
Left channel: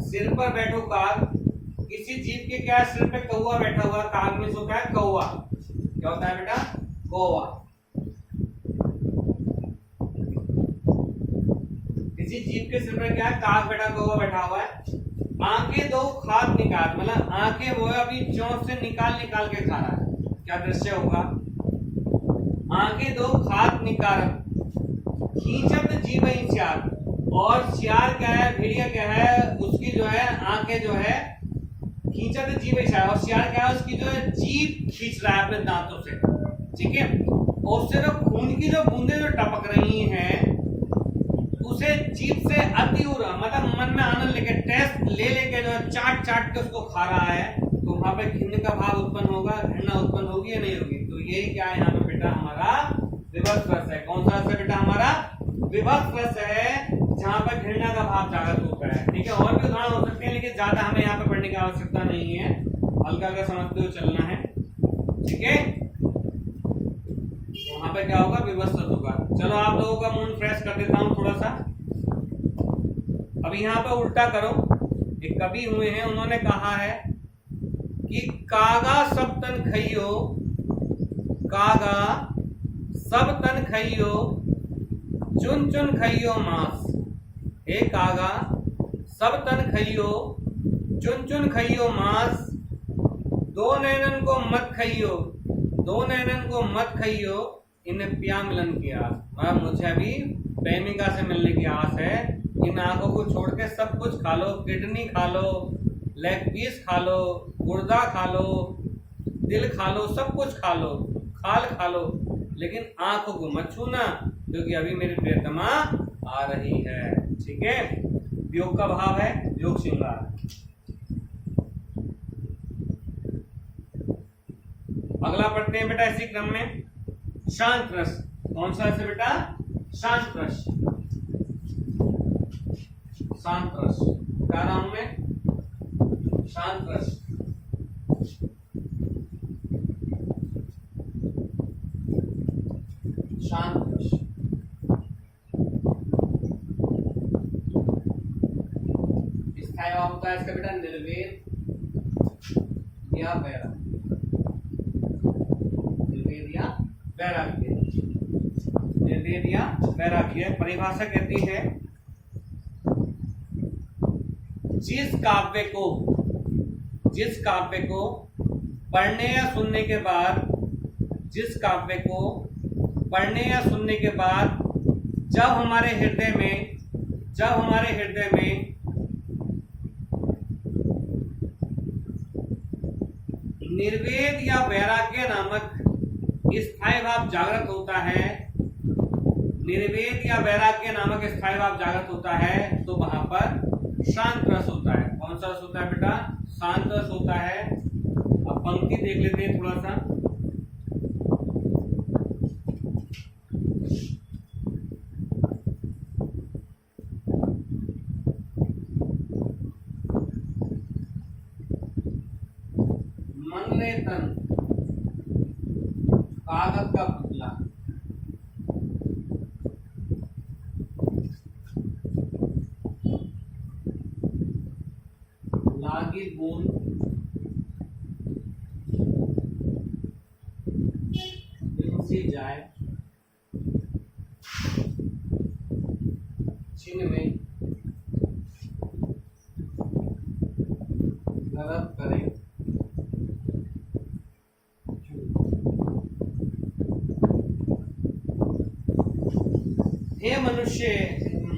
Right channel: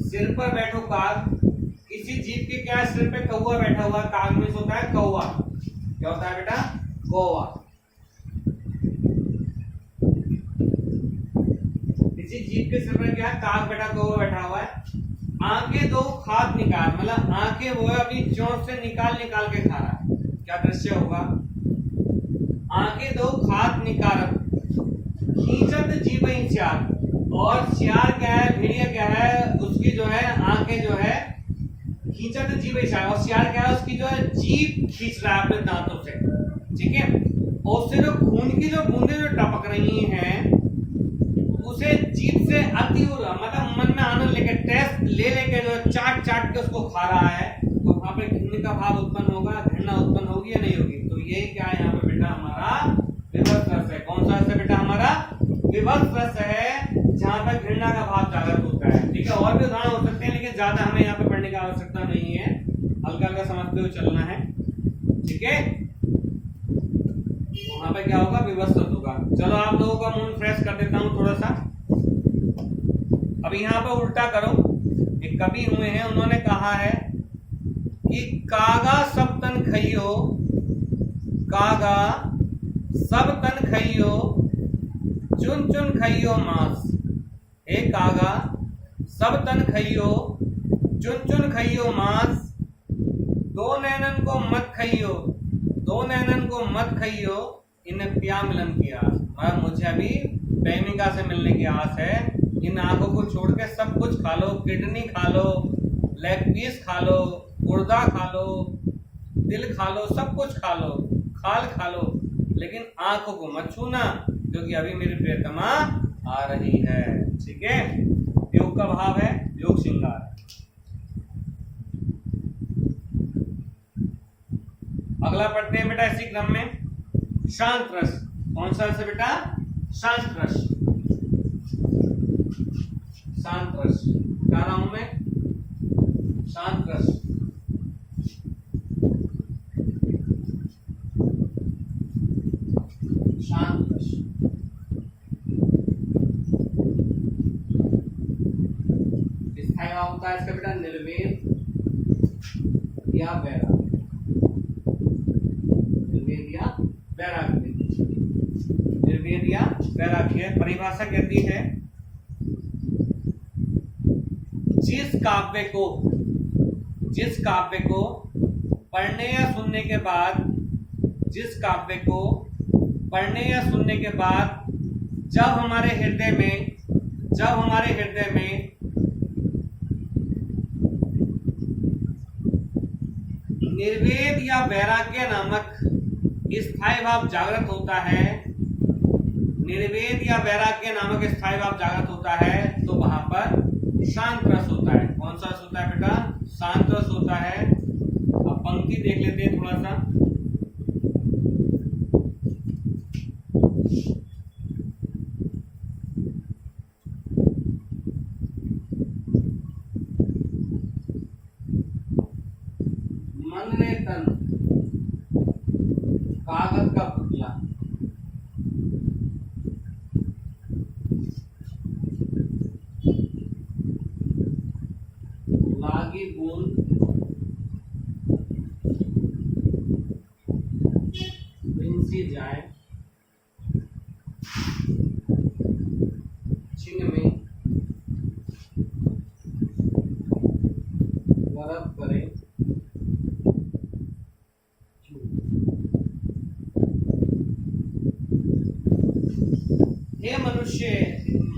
सिर पर बैठो काग, किसी जीव के क्या सिर पे कौवा बैठा हुआ, काग में होता है कौवा, क्या होता है बेटा, कौवा। किसी जीव के सिर पर क्या है, काग बैठा, कौवा बैठा हुआ है। आंखें दो खाद निकाल, मतलब आंखें वो अपनी चोंच से निकाल निकाल के खा रहा है, क्या दृश्य होगा, आंखें दो खाद निकाल, खींचत जीव चार, और सियार क्या है, भेड़िया क्या है, उसकी जो है आंखें जो है खींचत जीव चार, और सियार क्या है, उसकी जो है जीभ खींच रहा है अपने दांतों से। ठीक है, और उससे जो खून की जो बूंदें जो टपक रही हैं, उसे जीभ से अति मतलब मन में आनंद लेके, टेस्ट ले लेके जो है चाट चाट के उसको खा रहा है, तो वहां पे घृणा का भाव उत्पन्न होगा, घृणा उत्पन्न होगी या नहीं होगी। तो यही क्या है यहाँ पे बेटा, हमारा विभत्स रस है। कौन सा रस है बेटा, हमारा विभत्स रस है, जहाँ पर घृणा का भाव जागृत होता है। ठीक है, और भी उदाहरण हो सकते हैं, लेकिन ज्यादा हमें यहाँ पे पढ़ने की आवश्यकता नहीं है, हल्का हल्का समझते हुए चलना है। ठीक है, वहां पे क्या होगा, विभत्स रस होगा। चलो आप लोगों का मूड फ्रेश कर देता हूँ थोड़ा सा। अब यहाँ पर उल्टा करो, एक कवि हुए हैं, उन्होंने कहा है कि कागा सब तन खइयो, कागा सब तन खइयो, चुन चुन खइयो मांस। हे कागा सब तन खइयो, चुन चुन खइयो मांस, दो नैनन को मत खइयो, दो नैनन को मत खइयो, इन्हें प्या मिलन की आस। मतलब मुझे अभी प्रेमिका से मिलने की आस है, इन आंखों को छोड़ के सब कुछ खा लो, किडनी खा लो, लेग पीस खा लो, गुर्दा खा लो, दिल खा लो, सब कुछ खा लो, खाल खा लो, लेकिन आंखों को मत छूना, क्योंकि अभी मेरी प्रियतमा आ रही है। ठीक है, योग का भाव है, योग श्रृंगार। अगला पढ़ते हैं बेटा इसी क्रम में, शांत रस। कौन सा रस है बेटा, शांत रस। शांत रस क्या रहा हूं मैं, शांत रस। शांत रस स्थायी भाव होता है इसका बेटा निर्वेद या वैराग्य, निर्वेद या वैराग्य। निर्वेद या वैराग्य। परिभाषा कहती है जिस काव्य को पढ़ने या सुनने के बाद जब हमारे हृदय में निर्वेद या वैराग्य नामक स्थायी भाव जागृत होता है, तो वहां पर शांत रस होता है। कौन सा रस होता है बेटा? शांत रस होता है। अब पंक्ति देख लेते हैं थोड़ा सा। मन रे तन कागज का पुतला, लागी बूंद बिनसी जाए, छिन में गरब करे, हे मनुष्य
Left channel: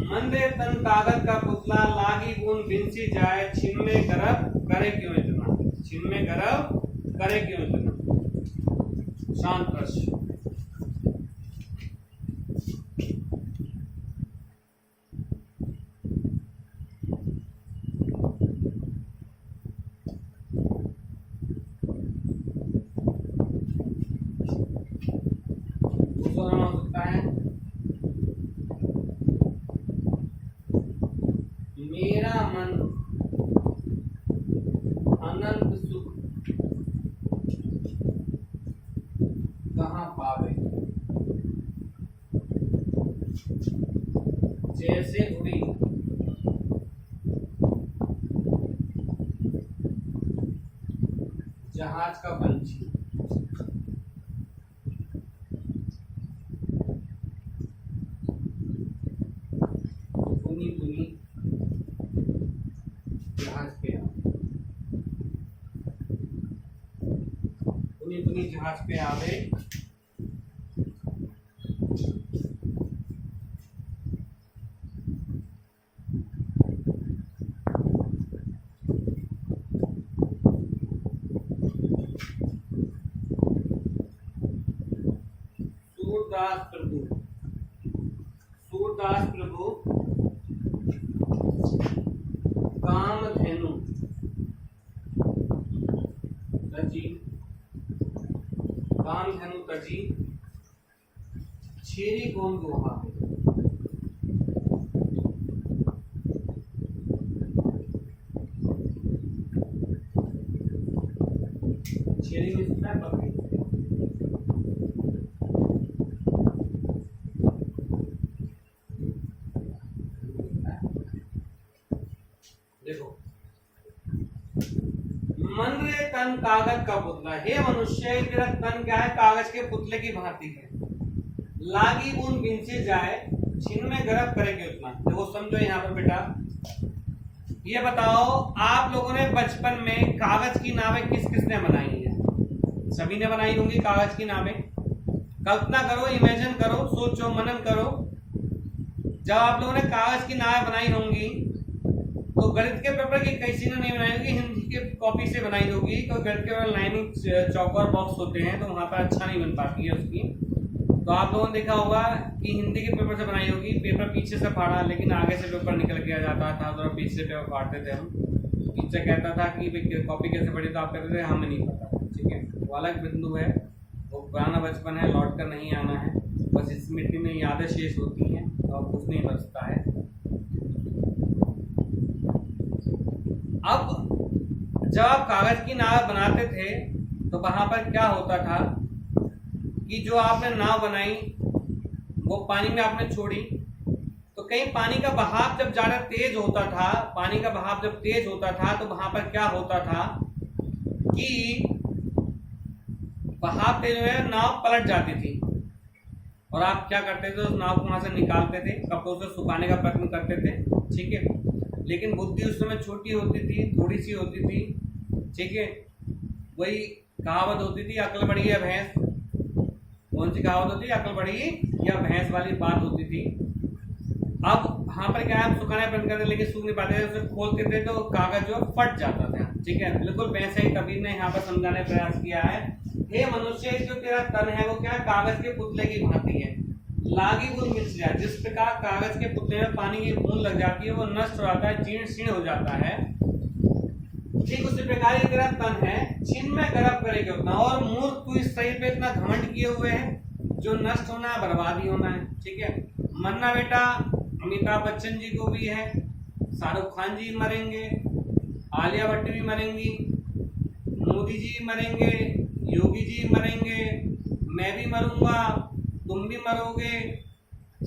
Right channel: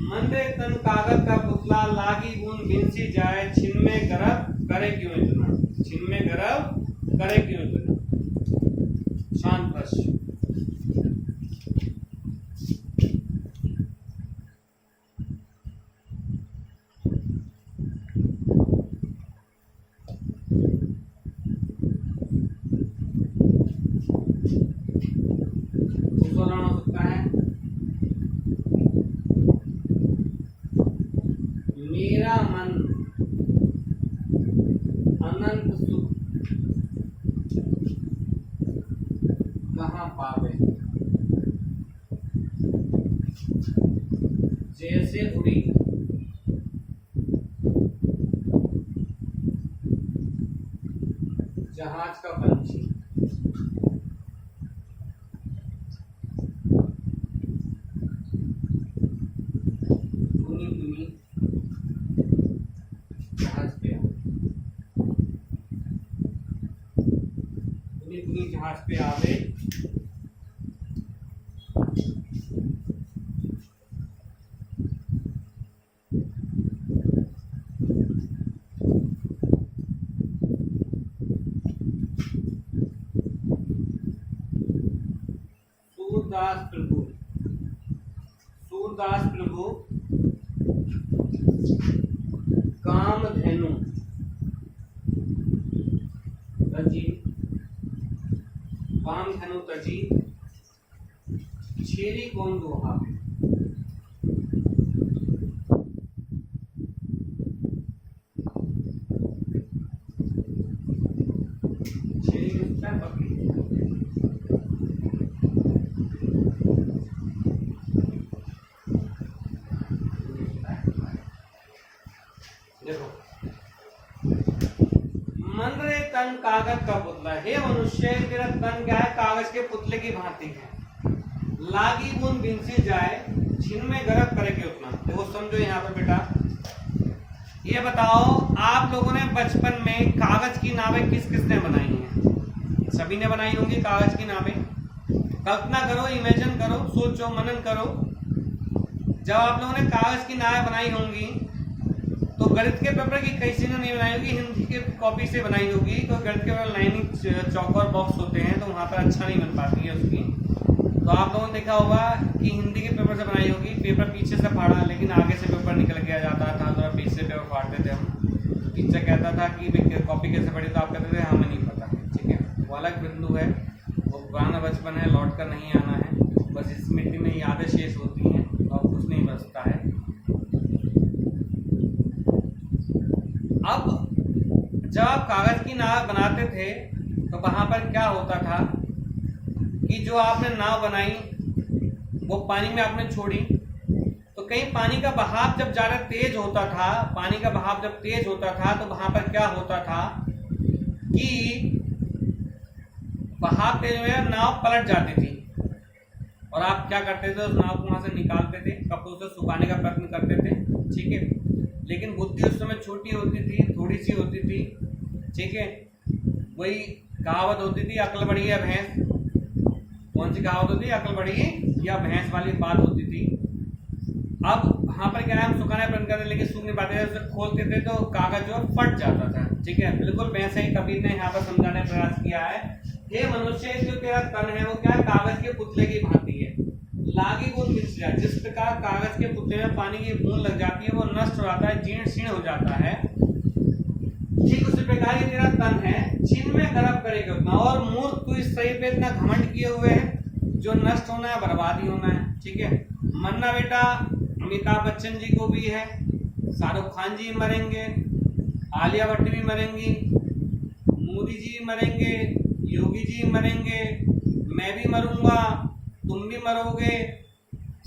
मन रे तन कागज का पुतला, लागी बूंद बिनसी जाए, छिन में गरब करे क्यों इतना, शांत रस। दूसरा हो सकता है मेरा मन अनंत सुख कहाँ पावे, जैसे उड़ी जहाज का पंछी, पुनी पुनी जहाज पे आवे, सूरदास प्रभु कामधेनु तजी छेरी कौन दोहा पे, छेरी में सकता है बकरी। देखो मन रे तन कागज का पुतला, हे मनुष्य तेरा तन क्या है? कागज के पुतले की भांति है। लागी बूंद बिनसी जाए, छिन में गरब करे के उतना। देखो समझो यहाँ पर बेटा, ये बताओ आप लोगों ने बचपन में कागज की नावें किस किसने बनाई हैं? सभी ने बनाई होंगी कागज की नावें। कल्पना करो, इमेजिन करो, सोचो, मनन करो। जब आप लोगों ने कागज की नावें बनाई होंगी तो गणित के पेपर की कैसी ने नहीं बनाई होगी, हिंदी के कॉपी से बनाई होगी। तो गणित के पेपर लाइनिंग चौकोर बॉक्स होते हैं तो वहाँ पर अच्छा नहीं बन पाती है उसकी। तो आप लोगों ने देखा होगा कि हिंदी के पेपर से बनाई होगी, पेपर पीछे से फाड़ा लेकिन आगे से पेपर निकल के आ जाता था, तो पीछे से पेपर फाड़ते थे हम। टीचर कहता था कि कॉपी कैसे पढ़ी, तो आप कहते थे हमें नहीं पता। ठीक है, वो अलग बिंदु है, वो पुराना बचपन है, लौट कर नहीं आना है। बस इस मिट्टी में यादें शेष होती हैं और कुछ नहीं बचता है। अब जब आप कागज की नाव बनाते थे तो वहां पर क्या होता था कि जो आपने नाव बनाई वो पानी में आपने छोड़ी, तो कहीं पानी का बहाव जब ज़्यादा तेज होता था, तो वहां पर क्या होता था कि बहाव तेज हुआ, नाव पलट जाती थी। और आप क्या करते थे, उस नाव को वहाँ से निकालते थे, कपड़ों से सुखाने का प्रयत्न करते थे, ठीक है। लेकिन बुद्धि उस समय छोटी होती थी, थोड़ी सी होती थी, ठीक है। वही कहावत होती थी, अकल बढ़ी या भैंस, कौन सी कहावत होती है, अकल बढ़ी या भैंस वाली बात होती थी। अब वहाँ पर क्या है, हम सुखाने प्रयत्न करते लेकिन सूख नहीं पाते थे, उसे खोलते थे तो कागज जो फट जाता था, ठीक है। बिल्कुल वैसे ही कबीर ने यहाँ पर समझाने का प्रयास किया है, हे मनुष्य, जो तेरा तन है वो क्या है, कागज के पुतले की भांति है, लागी वो मिट जाए। जिस प्रकार कागज के पुतले में पानी की बूंद लग जाती है, वो नष्ट हो जाता है, जीर्ण शीर्ण हो जाता है, ठीक उसी प्रकार ये तेरा तन है, छिन में गर्भ करेगा उतना। और मूर्ख, तू इस शरीर पे इतना घमंड किए हुए है, जो नष्ट होना है, बर्बादी होना है, ठीक है। मरना बेटा अमिताभ बच्चन जी को भी है, शाहरुख खान जी मरेंगे, आलिया भट्ट भी मरेंगी, मोदी जी मरेंगे, योगी जी मरेंगे, मैं भी मरूंगा, तुम भी मरोगे,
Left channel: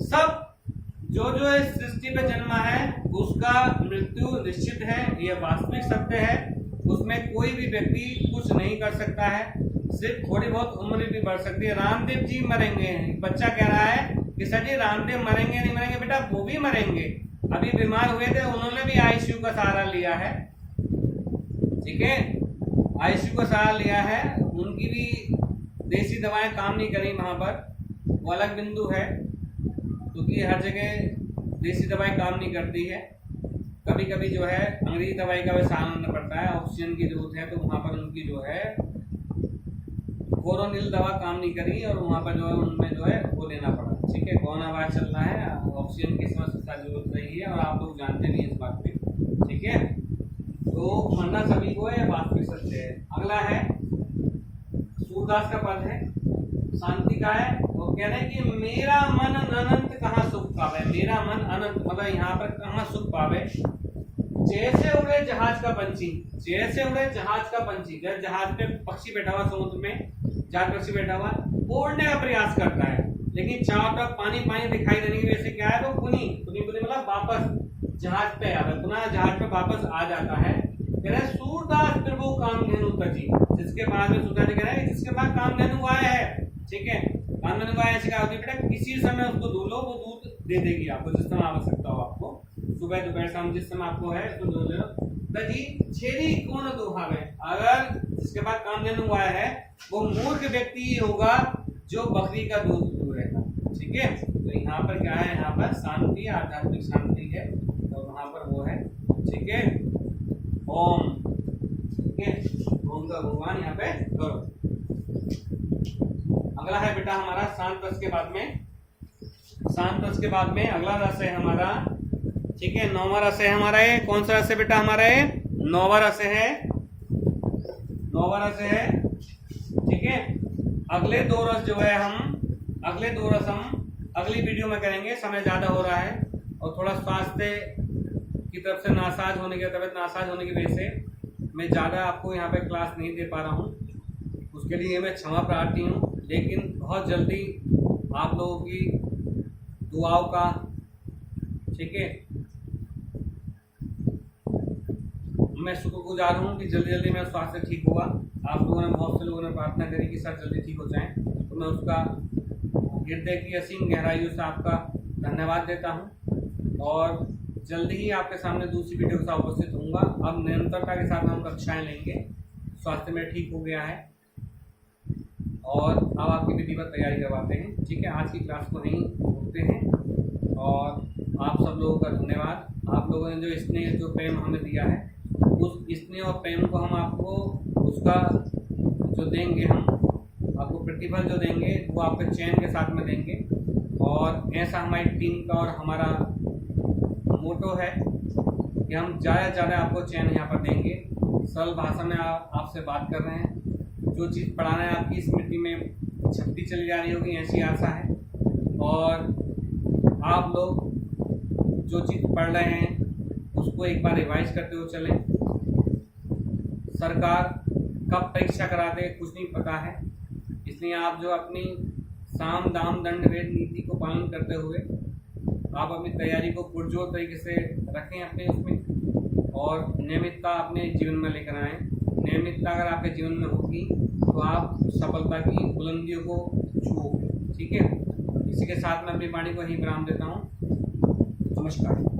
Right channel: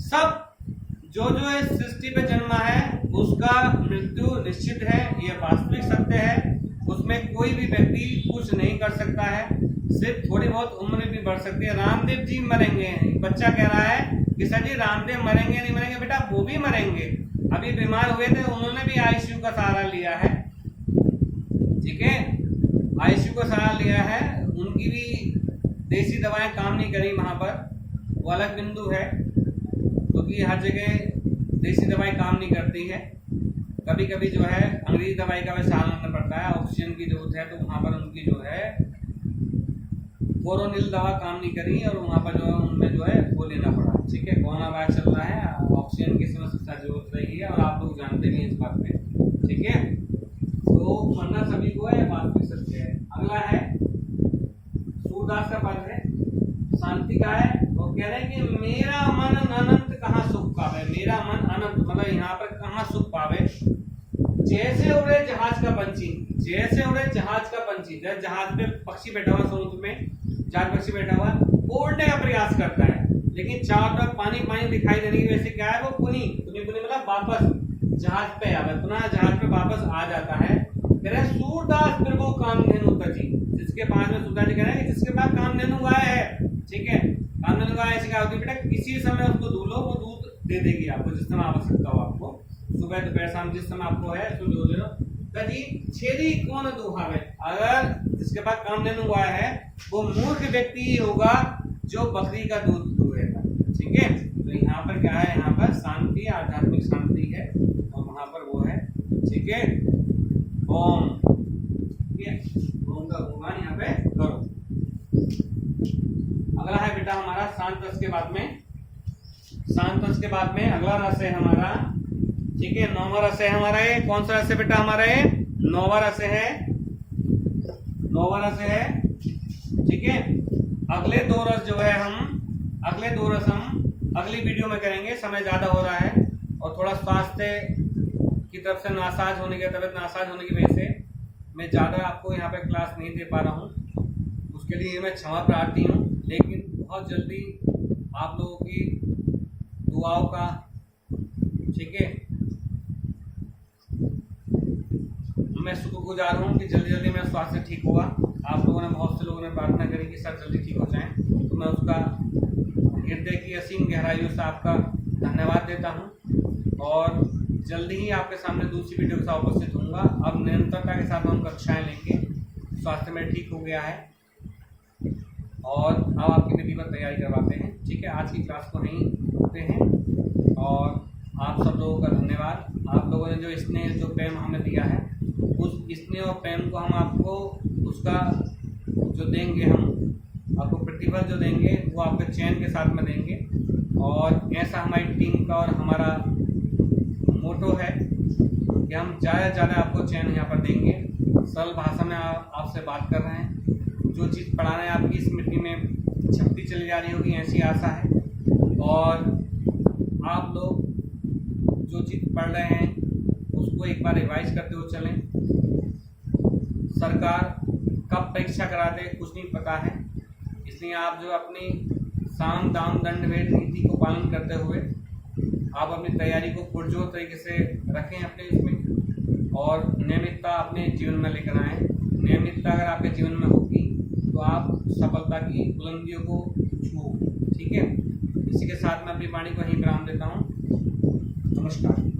सब जो जो इस सृष्टि पे जन्मा है उसका मृत्यु निश्चित है, ये वास्तविक सत्य है। उसमें कोई भी व्यक्ति कुछ नहीं कर सकता है, सिर्फ थोड़ी बहुत उम्र भी बढ़ सकती है। रामदेव जी मरेंगे, बच्चा कह रहा है कि सर जी रामदेव मरेंगे नहीं मरेंगे, बेटा वो भी मरेंगे। अभी बीमार हुए थे, उन्होंने भी आईसीयू का सहारा लिया है, ठीक है, आईसीयू का सहारा लिया है, उनकी भी देसी दवाएं काम नहीं करी वहां पर, वो अलग बिंदु है, क्योंकि हर जगह देसी दवाई काम नहीं करती है, कभी कभी जो है अंग्रेजी दवाई का भी सहारा लेना पड़ता है, ऑक्सीजन की जरूरत है, तो वहाँ पर उनकी जो है कोरोनिल दवा काम नहीं करी और वहाँ पर जो है उनमें जो है वो लेना पड़ा, ठीक है। कोरोना वायरस चल रहा है, ऑक्सीजन की समय सबसे जरूरत रही है और आप लोग जानते भी हैं इस बात पे, ठीक है। तो मरना सभी को है, वास्तविक सत्य है। अगला है सूरदास का पद है, शांति का है, वो कह रहे हैं कि मेरा मन अनंत कहाँ सुख पावे, मेरा मन अनंत मतलब यहाँ पर कहाँ सुख पावे, जैसे उड़े जहाज का पंछी, जैसे उड़े जहाज का पंछी, जब जहाज पे पक्षी बैठा हुआ समुद्र में, जहाज पक्षी बैठा हुआ उड़ने का प्रयास करता है, लेकिन चारों तरफ पानी पानी दिखाई देने की वजह से क्या है, वो पुनी पुनी पुनी मतलब वापस जहाज पे आता है, पुनः जहाज पे वापस आ जाता है। कह रहे सूरदास प्रभु कामधेनु तजी, जिसके पास में सूरदास जी कह रहे हैं जिसके पास कामधेनु गाय है, ठीक है। कामधेनु गाय ऐसी गाय होती है बेटा, किसी समय उसको दूध लो, वो दूध दे देगी आपको जिस समय आवश्यकता हो, आपको सुबह दोपहर शाम जिस समय आपको है उसको दूध ले लो। तजी छेरी कौन दुहावे, अगर जिसके पास कामधेनु गाय है वो मूर्ख व्यक्ति ही होगा जो बकरी का दूध दुहेगा, ठीक है। तो यहाँ पर क्या है, यहाँ पर शांति, आध्यात्मिक शांति है और वहां पर वो है, ठीक है, ओम, ठीक है, ओम का भगवान यहाँ पे करो। अगला है बेटा हमारा शांत रस के बाद में, शांत रस के बाद में अगला रस है हमारा, ठीक है, नौवां रस है हमारा, ये कौन सा रस है बेटा हमारा, ये नौवां रस है, नौवां रस है, ठीक है। अगले दो रस जो है हम, अगले दो रस हम अगली वीडियो में करेंगे, समय ज्यादा हो रहा है और थोड़ा स्वास्थ्य की तरफ से नासाज होने की, तबियत नासाज होने की वजह से मैं ज़्यादा आपको यहाँ पे क्लास नहीं दे पा रहा हूँ, उसके लिए मैं क्षमा प्रार्थी हूँ। लेकिन बहुत जल्दी आप लोगों की दुआओं का, ठीक है, मैं शुक्रगुजार हूँ कि जल्दी जल्दी मेरा स्वास्थ्य ठीक हुआ। आप लोगों ने, बहुत से लोगों ने प्रार्थना करी कि सर जल्दी ठीक हो जाएं, तो मैं उसका हृदय की असीम गहराइयों से आपका धन्यवाद देता हूँ और जल्दी ही आपके सामने दूसरी वीडियो के साथ उपस्थित होऊंगा। अब निरंतरता के साथ हम कक्षाएं लेंगे, स्वास्थ्य मेरा ठीक हो गया है और अब आपकी विधिवत तैयारी करवाते हैं, ठीक है। आज की क्लास को यहीं रोकते हैं और आप सब लोगों का धन्यवाद। आप लोगों ने जो स्नेह, जो प्रेम हमें दिया है, उस स्नेह और प्रेम को हम आपको उसका जो देंगे, हम आपको प्रतिफल जो देंगे वो आपके चयन के साथ में देंगे। और ऐसा हमारी टीम का और हमारा मोटो है कि हम ज़्यादा से ज़्यादा आपको चयन यहाँ पर देंगे। सरल भाषा में आपसे बात कर रहे हैं, जो चीज़ पढ़ा रहे हैं आपकी स्मृति में छपती चली जा रही होगी, ऐसी आशा है। और आप लोग जो चीज़ पढ़ रहे हैं उसको एक बार रिवाइज करते हुए चलें। सरकार कब परीक्षा करा दे कुछ नहीं पता है, इसलिए आप जो अपनी साम दाम दंड भेद नीति को पालन करते हुए आप अपनी तैयारी को पुरजोर तरीके से रखें अपने इसमें, और नियमितता अपने जीवन में लेकर आएँ। नियमितता अगर आपके जीवन में होगी तो आप सफलता की बुलंदियों को छूओगे, ठीक है। इसी के साथ मैं अपनी वाणी को यहीं विराम देता हूँ। नमस्कार।